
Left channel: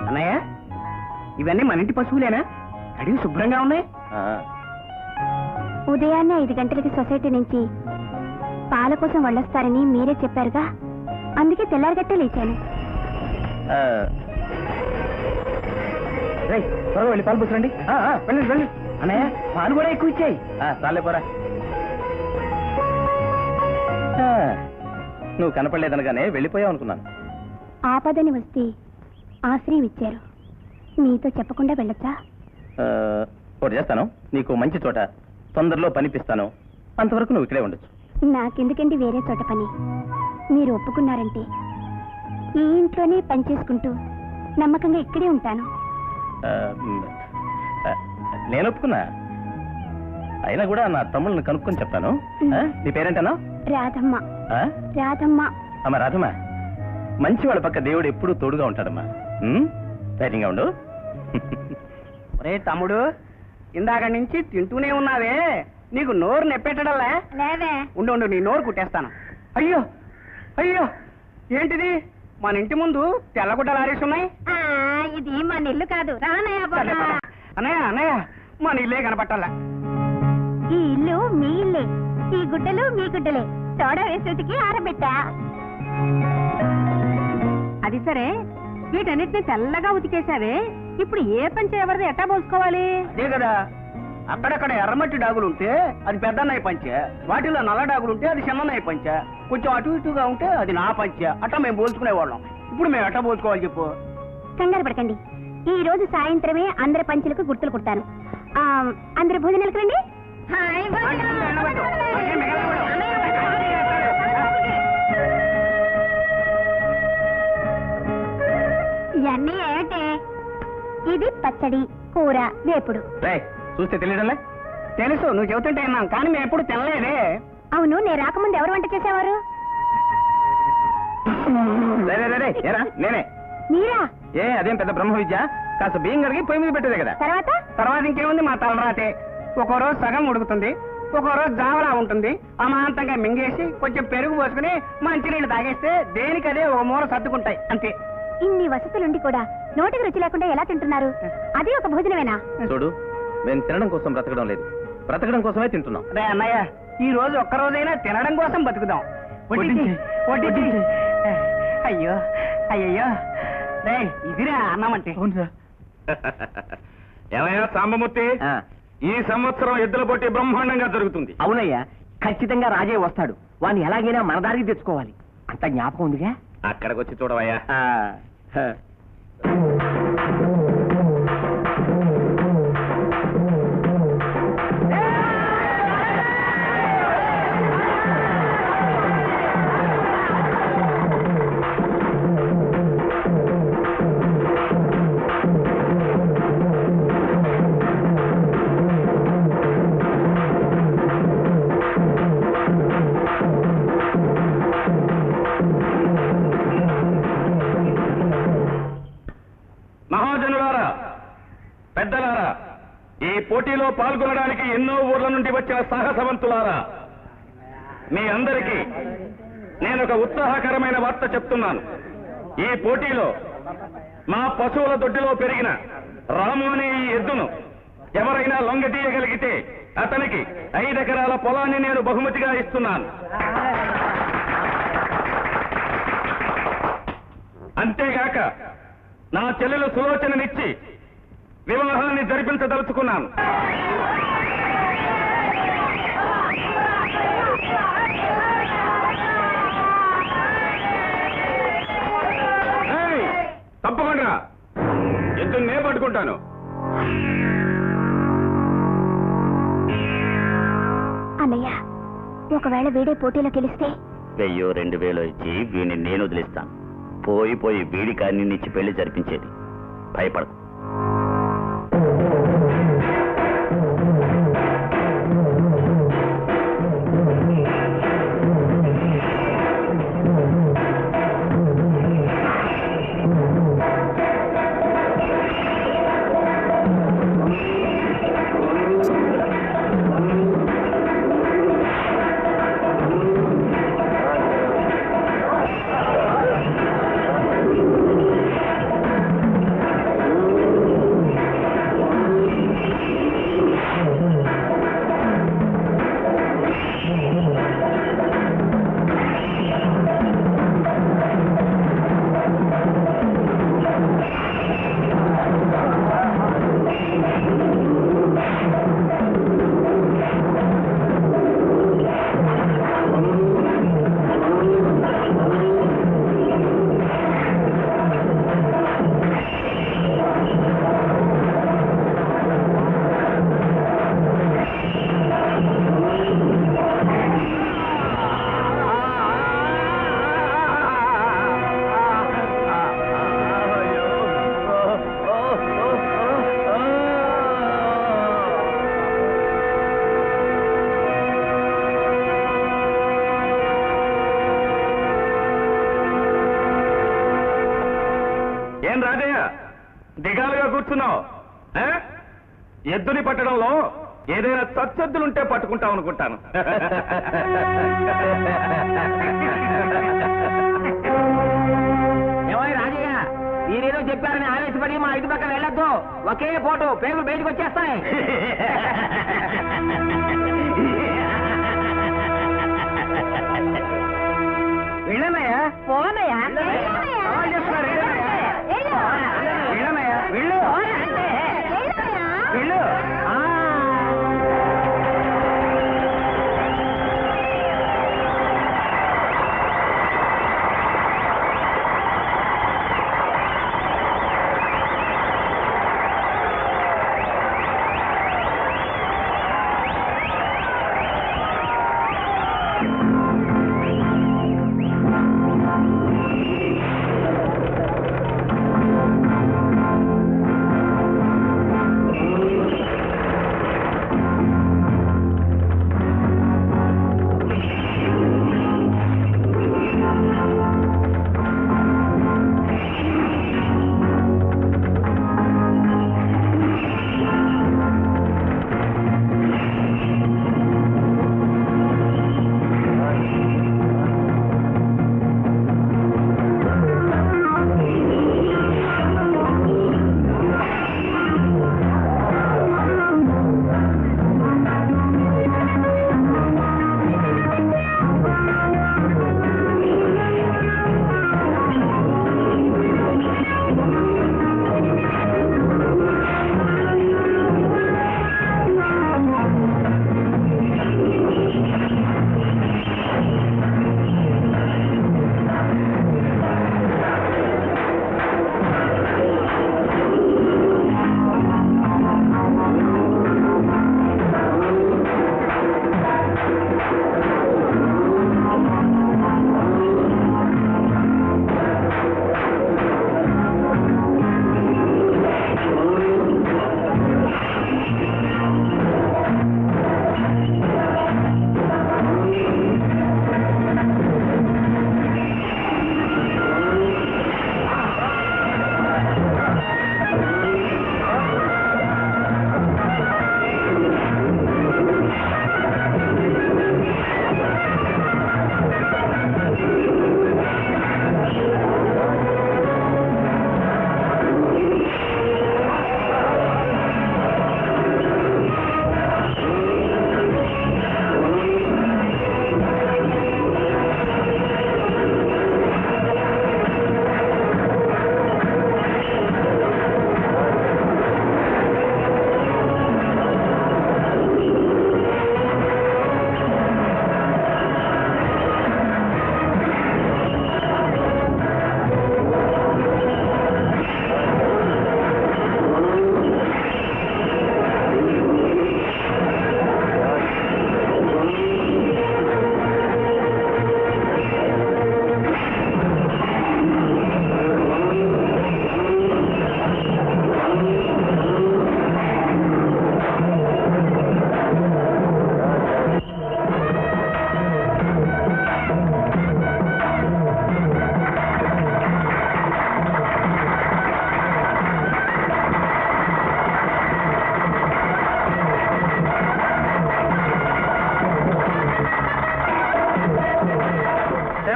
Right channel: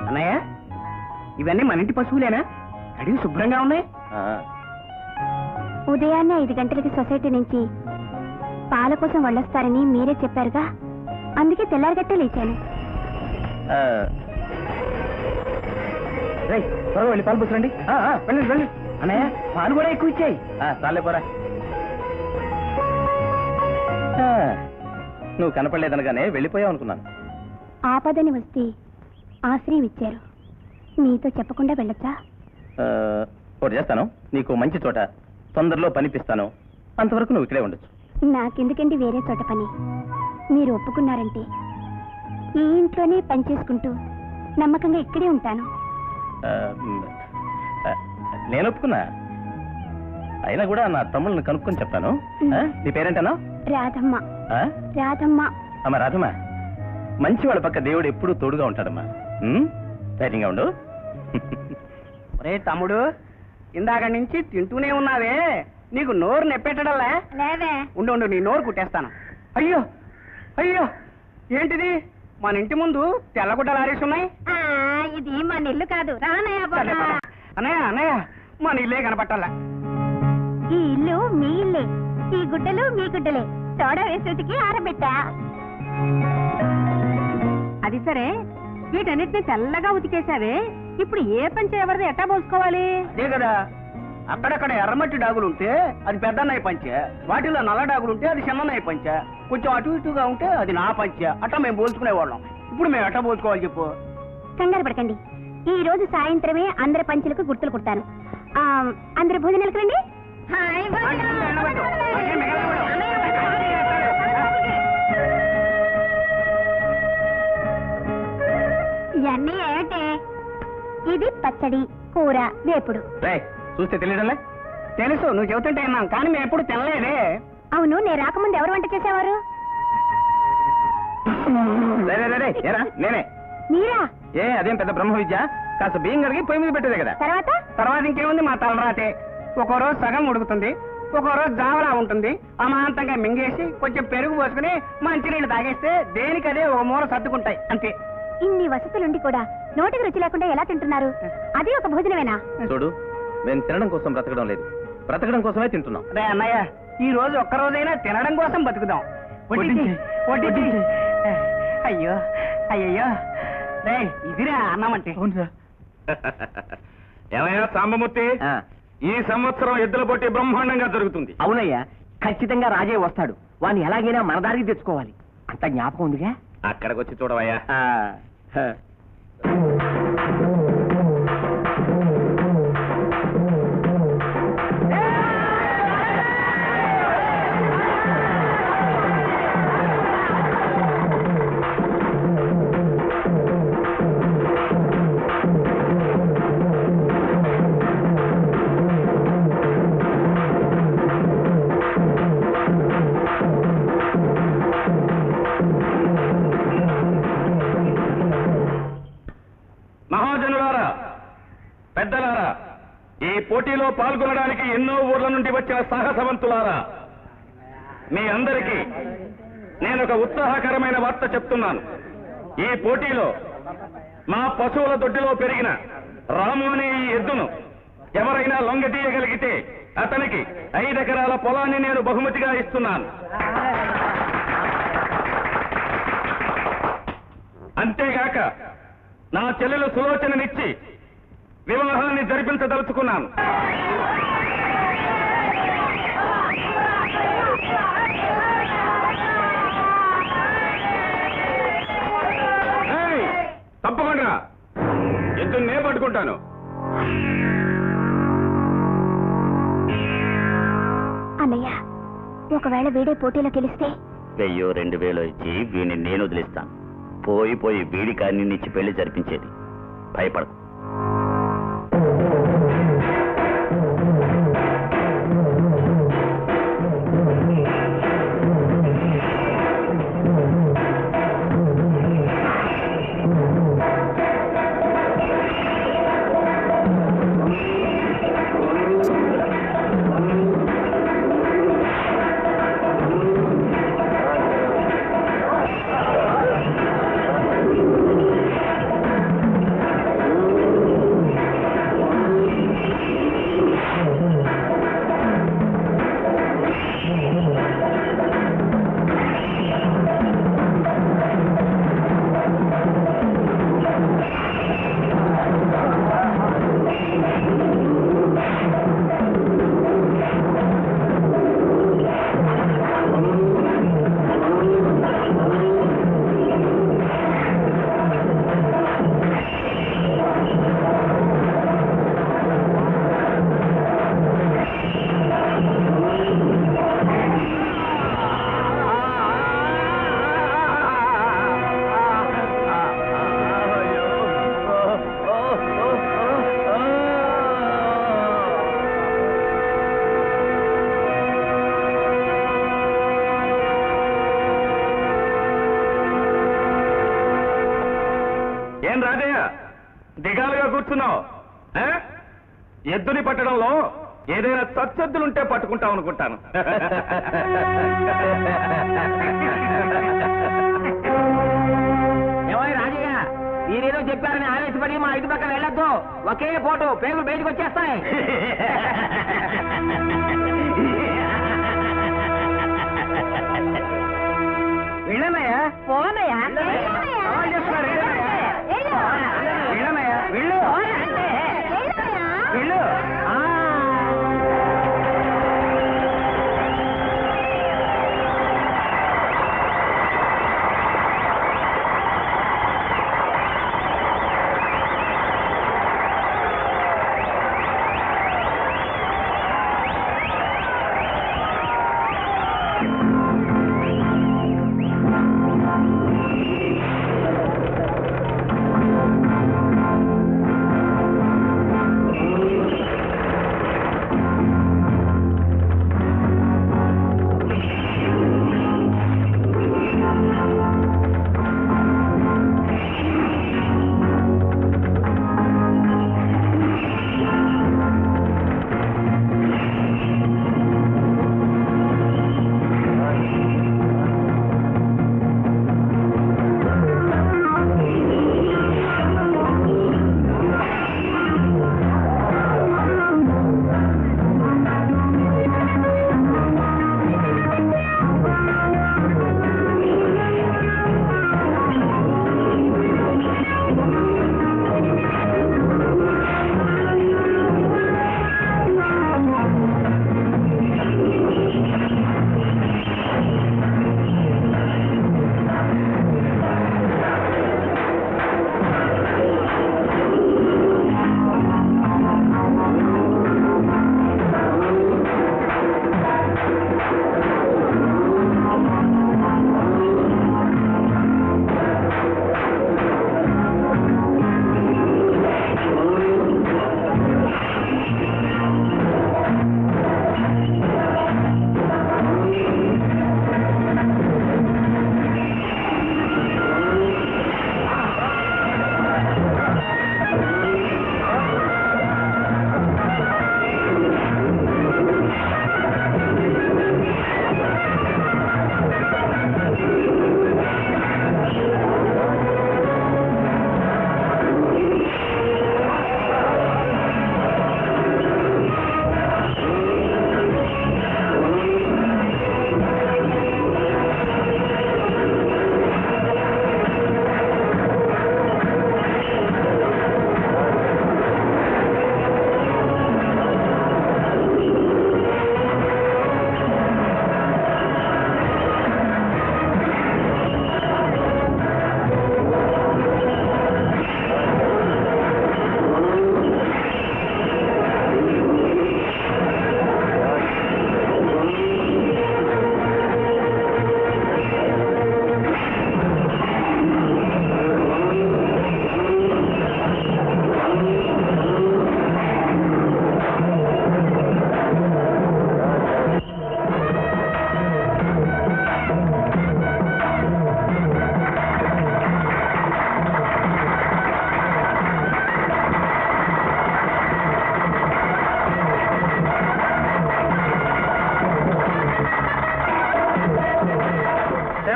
అన్నయ్య, ఇవన్నీ మన ఇంటి పశువులేనా? అడిగి శుభ్రంగా ఉన్నాయి. ఉదయాన్నే 5 గంటలకి సొసైటీ నుంచి పాల కోసం వెళ్ళొస్తారని మీరే చెప్పారుగా, అందుకే తెల్లారగట్టే లేచాను. త్వరగా వెళ్ళి పాలు పోసురండి. వెళ్ళండి వెళ్ళండి. అన్నయ్య, పాలు కూడా ఎక్కువ ఇచ్చాయి. చాలే పోరా. నువ్వు కనపడలేదనగానే వెళ్ళిపోయావు అనుకున్నాను. ఆపదని వస్తే ఆశ్రయం ఇచ్చారు. మీతో చెప్పకుండా వెళ్ళొచ్చా? ఒకటి చేస్తాను, నీకు మంచి చోట తొందరలో పనిపిస్తాను. అంతవరకు నువ్వు ఇక్కడే ఉండొచ్చు. నాకెందుకండి వేరే చోట పని? మీరు ఒప్పుకున్నారంటే ఈ ఇంట్లోనే పని చేసుకుంటూ నమ్మకంగా ఇక్కడే ఉంటాను. నేను ఒప్పుకున్నా. అయినా కూడా నా తమ్ముళ్ళని కనుక్కొని చెప్తాను. నీ పేరేంటనా? రాధమ్మ. రాధమ్మ. అమ్మా రాధమ్మ, మంచి వాళ్ళ పక్క దేవుడు ఎప్పుడూ తోడుగా ఉంటాడమ్మా. ధైర్యంగా ఉండు. రే తమ్ముడు, ఇందాక నుంచి తింటూనే ఉన్నావే, నీకు నోరు నెప్పెట్టడల్లా? లేదే. ఉండు, నీ నోరు కుట్టేస్తాను. అయ్యో అయ్యో, ఏంటిది? మన ఇంటి ముందు తెల్లగుడ్డలు ఆరేస్తున్నాయి. ఇది మన ఇల్లు కాదు. అన్నయ్య, మన ఇల్లే కనపట్టాలా? ఈ ఇల్లు మీ ఇల్లే, ఈ గుడ్డలు మీ గుడ్డలే. సోడా వేసేటికి ఆరబెట్టా. అది సరే, వీటన్నిటిని తెల్లగా ఉతికేశావే, ఇప్పుడు ఏ పంచ ఎవరిది ఎట్టా పోసుకోవాలి? అదే కదా, అక్కడక్కడ ఎర్రమట్టి డాగులుంటే అది పెద్దన్నయ్య పంచె, వాటిలో నల్ల డాగులుంటే అది చిన్నన్నయ్య పంచె, కొంచెం అటు ఇటుగా ఉంటే అది నా పంచె. అట్టా మేము పోల్చుకునేవాళ్ళం. ఇప్పుడు మేము ఎట్టా పోల్చుకోవాలి చెప్పు? కంగారు పడకండి, ఈ రోజు సాయంత్రమే అందరి పంచులకు గుర్తులు కుడతాను. అందరి భోజనాలకు రండి. ఇవన్నీ ఏమిటే? ఇది పచ్చడి, కూర, వేపుడు. చూస్తే తెలియడంలే? తెలుసు, నువ్వు చెబుతుంటే విన్నాం, కానీ మేము ఎప్పుడు తినలేదే. అవును, నేను రాకముందు ఎవరు వంట చేసేవారు? ఏరా, నేనే. మీరా? అదేం పెద్ద బ్రహ్మ విద్య. కాస్త బియ్యం కడిగి పొయ్యి మీద పెట్టేదే కదా. తర్వాత ఇంకేముంది, మా తలరాతే. ఒక్కో రోజు సగం ఉడుకుతుంది, ఒక్కో రోజు జావలా ఉంటుంది. అమాంతంగా మింగేసి కొంచెం పెరుగు పోసుకుని మంచినీళ్ళు తాగేస్తే దేనికదే ఒక మూల సర్దుకుంటాయి, అంతే. ఇన్ని వసతులుండి కూడా నోటికి రుచి లేకుండా ఎలా తింటున్నారు? అది ఒక భోజనమేనా? చూడు, మేము తినడం కోసం బ్రతకడం లేదు, బ్రతకడం కోసమే తింటున్నాం. అదే అన్నయ్య, ఈ రోజు ఒక్క రోజైనా తినడం కోసం బతుకుదాం. వడ్డించి. అయ్యో, రే ఇదిరా అన్నం అంటే. ఏమయ్యా సాంబమూర్తి, ఈ సంవత్సరం ఎద్దుల పోటీ బ్రహ్మాండంగా జరుగుతుంది. అవునయ్యా, ఖచ్చితంగా రాజే వస్తాడు. వాడిని ఎలాగైనా మన దారికి తెచ్చుకోవాలి. అంత జ్ఞాపకం ఉందిగా? అక్కడికి వచ్చి చూడవయ్యా. మహాజనులారా, పెద్దలారా, ఈ పోటీలో పాల్గొనడానికి ఎన్నో ఊర్ల నుండి వచ్చిన సాహసవంతులారా, మీ అందరికీ నేను ఒక ఉత్సాహకరమైన వార్త చెప్తున్నాను. ఈ పోటీలో మా పశువుల దొడ్డిలో పెరిగిన రాము అనే ఈ ఎద్దును ఎవరైనా లొంగదీయగలిగితే అతనికి 5 ఎకరాల పొలాన్ని నేను బహుమతిగా ఇస్తున్నాను. అంతేగాక నా చెల్లెలు సులోచననిచ్చి వివాహాన్ని జరిపించదలుచుకున్నాను. తప్పకుండా ఎద్దుని నేను పట్టుకుంటాను. అన్నయ్య, ఒకవేళ వీడే పోటీలో గెలిస్తే 1000-2000 ఇచ్చి వీడిని నేను వదిలిస్తాను. పోయి వీడి కాని నిచ్చి పెళ్లి జరిపించేది. భయపడకు. ఏం రాజయ్య దిగాలుగా కూర్చున్నావు? ఎద్దుని పట్టడంలో ఏదైనా తచ్చెద్దులుంటే పట్టుకుంటావు అనుకుంటాను. రాజయ్య, మీరేదో చెప్పారని ఆవేశపడి మా ఇంటి పక్కన వెళ్ళొద్దు. ఒకే పోటు పేగులు బయటకు వచ్చేస్తాయి. వెళ్ళనయ్యా, పోనయ్యా వెళ్ళు.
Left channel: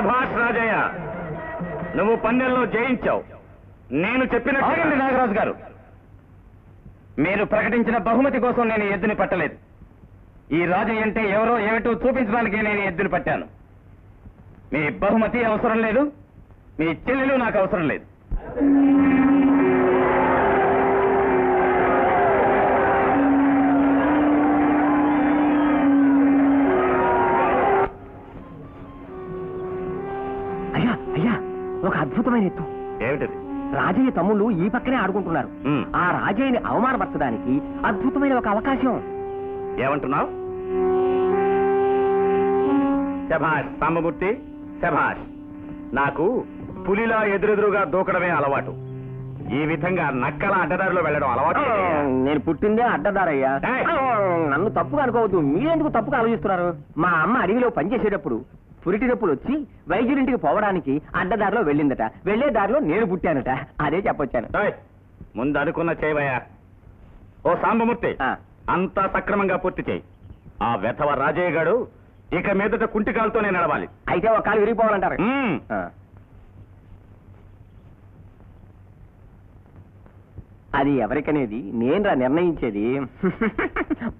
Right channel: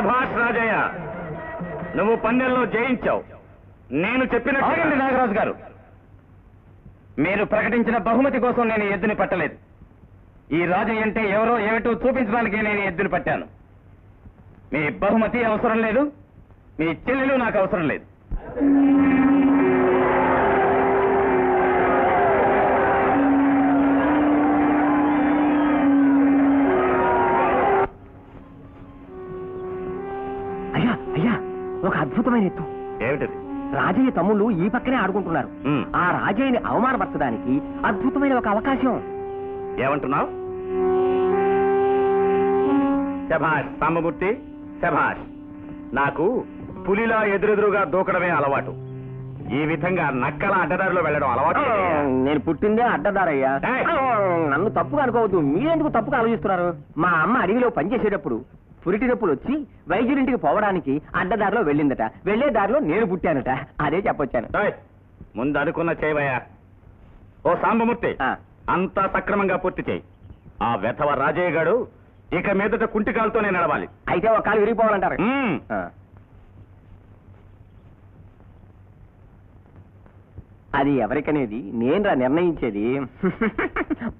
శభాష్ రాజయ్య, నువ్వు పందెంలో జయించావు. నేను చెప్పిన నాగరాజు గారు, మీరు ప్రకటించిన బహుమతి కోసం నేను ఎద్దుని పట్టలేదు. ఈ రాజయ్య అంటే ఎవరో ఏమిటో చూపించడానికి నేను ఎద్దుని పట్టాను. మీ బహుమతి అవసరం లేదు, మీ చెల్లెలు నాకు అవసరం లేదు. అయ్యా అయ్యా, ఒక అద్భుతమైన ఎత్తు. ఏమిటది? రాజయ్య తమ్ముళ్ళు ఈ పక్కనే ఆడుకుంటున్నారు. ఉమ్. ఆ రాజయ్యని అవమానపరచడానికి అద్భుతమైన ఒక అవకాశం. ఏమంటున్నావు? శభాష్ సాంబమూర్తి, శభాష్. నాకు పులిలా ఎదురెదురుగా దూకడమే అలవాటు. ఈ విధంగా నక్కల అడ్డదారిలో వెళ్ళడం అలవాటు. నేను పుట్టిందే అడ్డదారయ్యా. ఏయ్! నన్ను తప్పుగా అనుకోవద్దు. మీరెందుకు తప్పుగా ఆలోచిస్తున్నారు? మా అమ్మ అడవిలో పనిచేసేటప్పుడు పురిటి నొప్పులు వచ్చి వైద్యుడింటికి పోవడానికి అడ్డదారిలో వెళ్ళిందట. వెళ్లే దారిలో నేను పుట్టానట. అదే చెప్పొచ్చాను. ఏయ్! ముందు అనుకున్న చేయవయ్యా. ఓ సాంబమూర్తి, ఆ. అంతా సక్రమంగా పూర్తి చేయి. ఆ వెధవ రాజయ్య గారు ఇక మీదట కుంటికాలతోనే నడవాలి. అయితే ఒక కాలు విరిగిపోవాలంటారు. ఉమ్. ఆ. అది ఎవరికనేది నేనురా నిర్ణయించేది.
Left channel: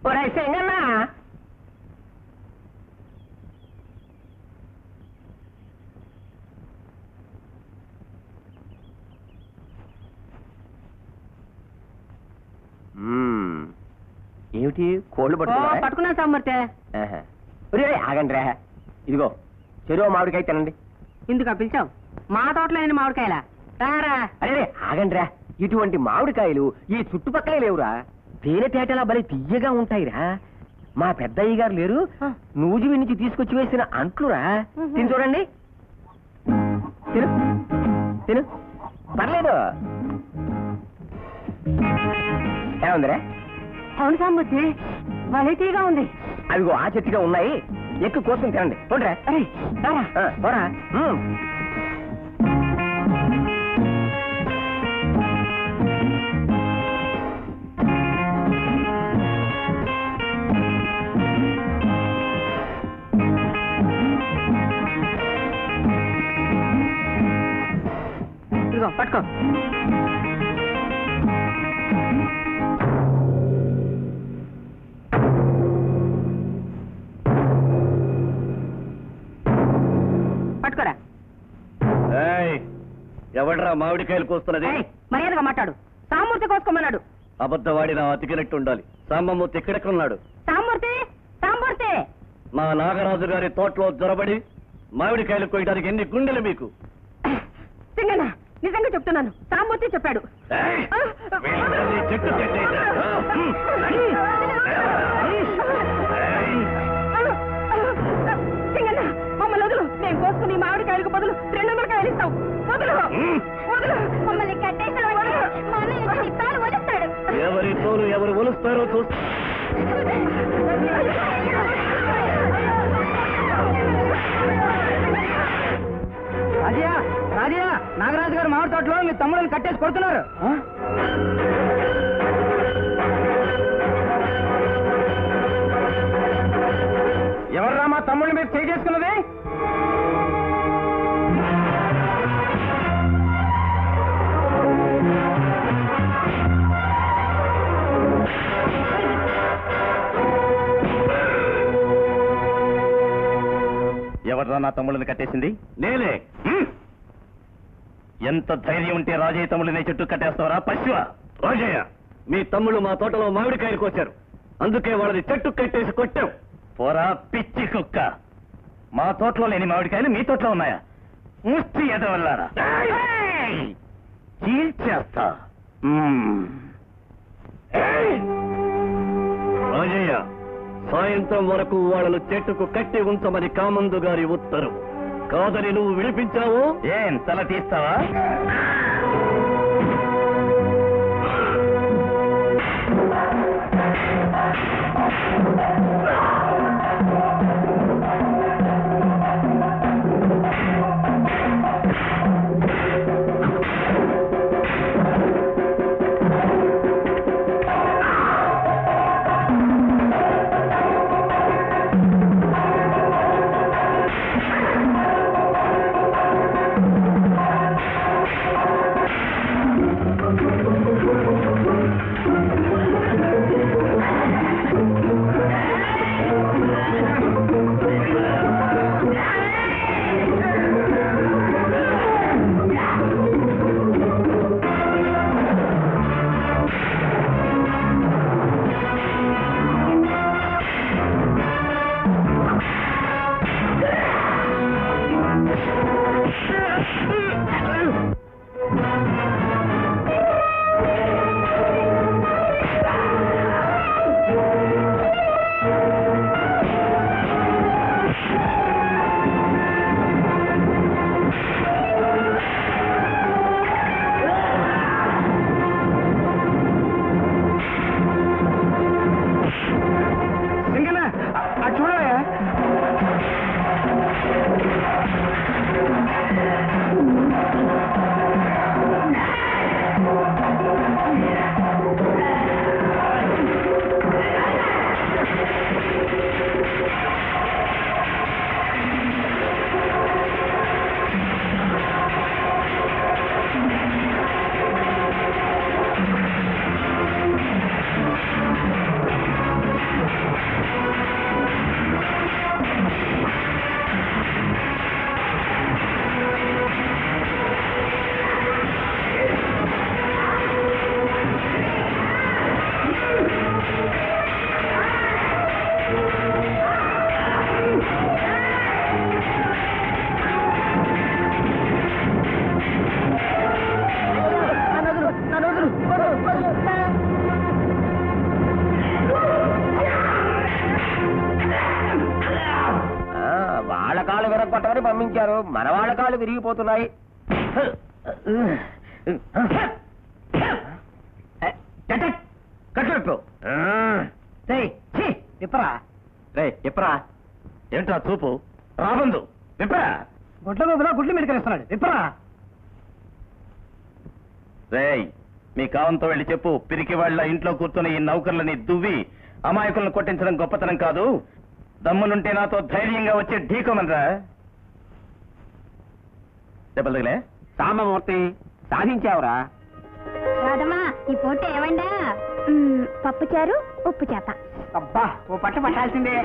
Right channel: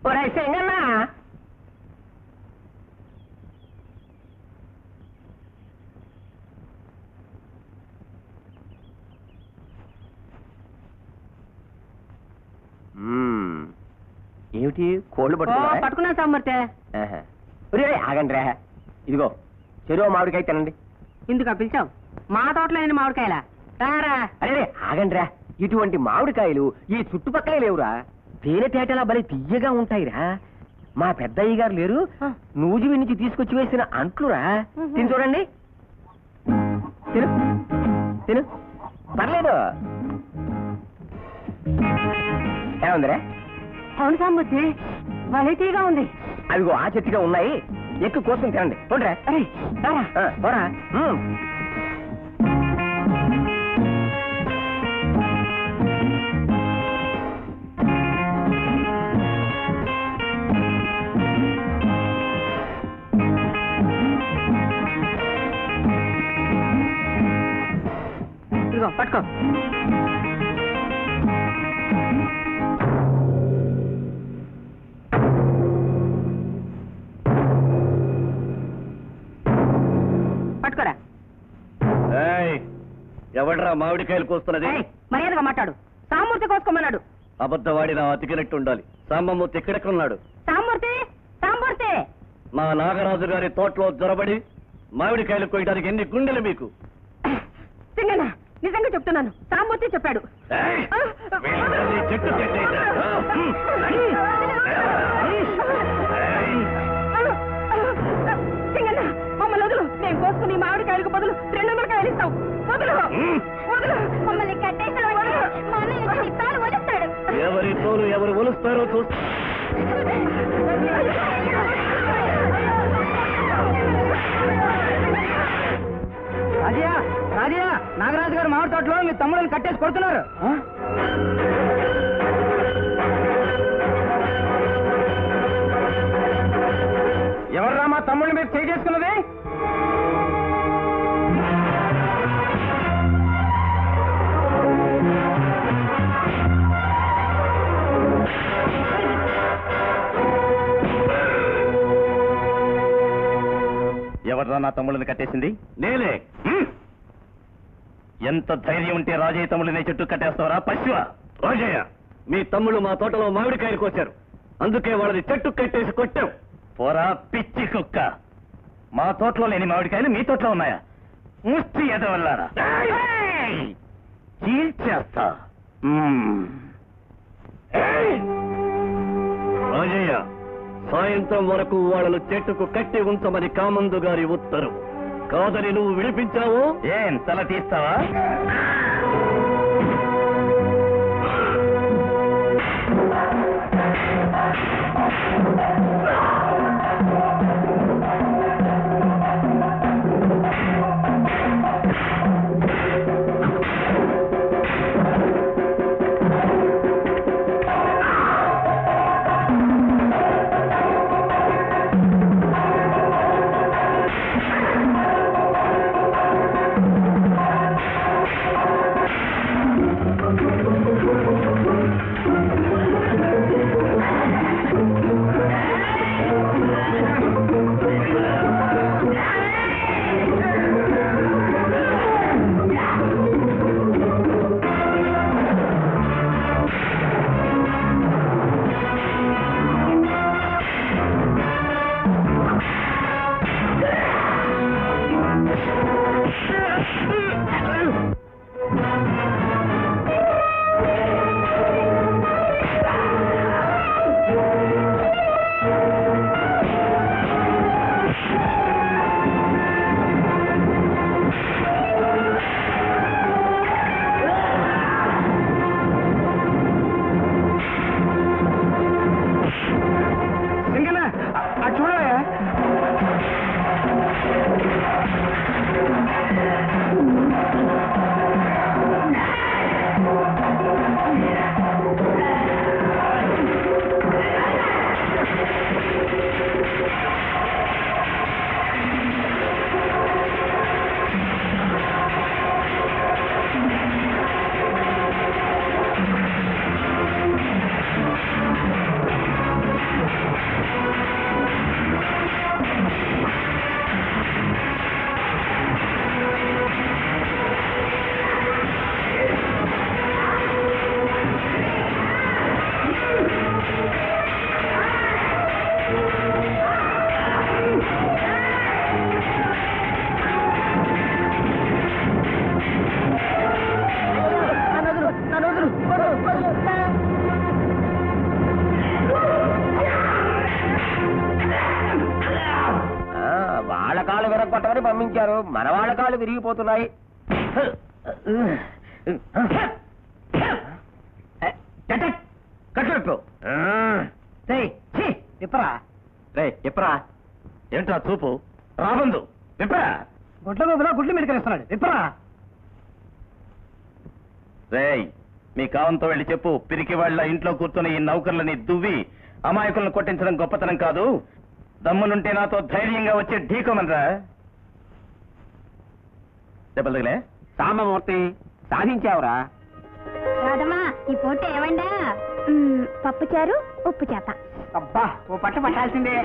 ఒరేయ్ సింగన్న, ఏమిటి కోళ్ళు పట్టుకున్నారా? పట్టుకున్నాను సామర్థ్య. ఆహా. ఒరేయ్, ఆగండి రా. ఇదిగో చెరువు మామిడికాయ తినండి. ఇందుకు పిలిచావు? మా తోటలో అయిన మామిడికాయలా? రారా. అరే ఆగండి రా. ఇటువంటి మామిడికాయలు ఈ చుట్టుపక్కలే లేవురా. తేనెతేటలా భలే తియ్యగా ఉంటాయిరా. మా పెద్దయ్య గారు లేరు, నూజివి నుంచి తీసుకొచ్చి వేసిన అంట్లురా. తిని చూడండి. తిను తిను, పర్లేదు. ఏముందిరా? అవును సామర్థ్య, వెరైటీగా ఉంది. అదిగో ఆ చెట్టుగా ఉన్నాయి. ఎక్కువ కోసం తినండి. పోండిరా. అరే రారా. పోరా. ఇదిగో పట్టుకో. పట్టుకోరా. ఎవడ్రా మామిడికాయలు కోస్తున్నది? ఏయ్, మర్యాదగా మాట్లాడు. సామూర్తి కోసుకోమన్నాడు. అబద్ధవాడి నా అతికినట్టు ఉండాలి. సాంబమూర్తి ఎక్కడెక్కడున్నాడు? సామూర్తి, సామూర్తి. మా నాగరాజు గారి తోటలో జొరబడి మామిడికాయలు కోయడానికి ఎన్ని గుండెలు మీకు? సింగన్న, నిజంగా చెప్తున్నాను, సామూర్తి చెప్పాడు. ఏయ్! వీళ్ళందరినీ చెట్టు చెట్టేశారు. సింగన్న, మమ్మల్ని వదులు. నేను కోసుకుని మామిడికాయలకు బదులు 200 కాయలు ఇస్తాం. వదులు, వదులు. మమ్మల్ని కట్టేసాడు. మా అన్నయ్య వచ్చి తాను వలుస్తాడు. ఎవరి తోలు ఎవరు ఒలుస్తారో చూస్తా. రాజయ్య, రాజయ్య, నాగరాజు గారు మామిడి తోటలో మీ తమ్ముడిని కట్టేసి కొడుతున్నారు. ఎవర్రా మా తమ్ముడిని మీరు చేయి చేసుకున్నది? ఎవర్రా నా తమ్ముళ్ళని కట్టేసింది? నేనే. ఎంత ధైర్యం ఉంటే రాజయ్య తమ్ముళ్ళని చెట్టు కట్టేస్తావరా పశువ? రాజయ్య, మీ తమ్ముళ్ళు మా తోటలో మామిడికాయలు కోశారు, అందుకే వాళ్ళని చెట్టు కట్టేసి కొట్టాం. పోరా పిచ్చి కుక్క, మా తోటలో లేని మామిడికాయలు మీ తోటలో ఉన్నాయా? ముష్టి ఎదవల్లారా, చీల్చేస్తా. రాజయ్య, సాయంత్రం వరకు వాళ్ళను చెట్టుకు కట్టి ఉంచమని కామందు గారి ఉత్తర్వు. కాదని నువ్వు విడిపించావు, ఏం తల తీస్తావా? కొట్టమని పంపించారు. మన వాళ్ళ కాళ్ళు విరిగిపోతున్నాయి. కట్టు ఇప్పరా రే ఎప్పరా ఏంట్రా చూపు రాబందు ఎప్పరా గుడ్ల మీద గుడ్లు మెడికలిస్తున్నాడు ఇప్పరా. రేయ్ మీ కావంతో వెళ్ళి చెప్పు, పిరికి వాళ్ళ ఇంట్లో కూర్చుని ఈ నౌకర్లని దువ్వి అమాయకులను కొట్టించడం గొప్పతనం కాదు, దమ్ములుంటే నాతో ధైర్యంగా వచ్చి ఢీకోమనరా. దెబ్బలే సామమూర్తి సాధించావురా. రాదమ్మా ఈ పూట ఏమండా? పప్పుచారు ఉప్పు చేప. అబ్బా ఓ పట్ట పట్టాల్సిందే.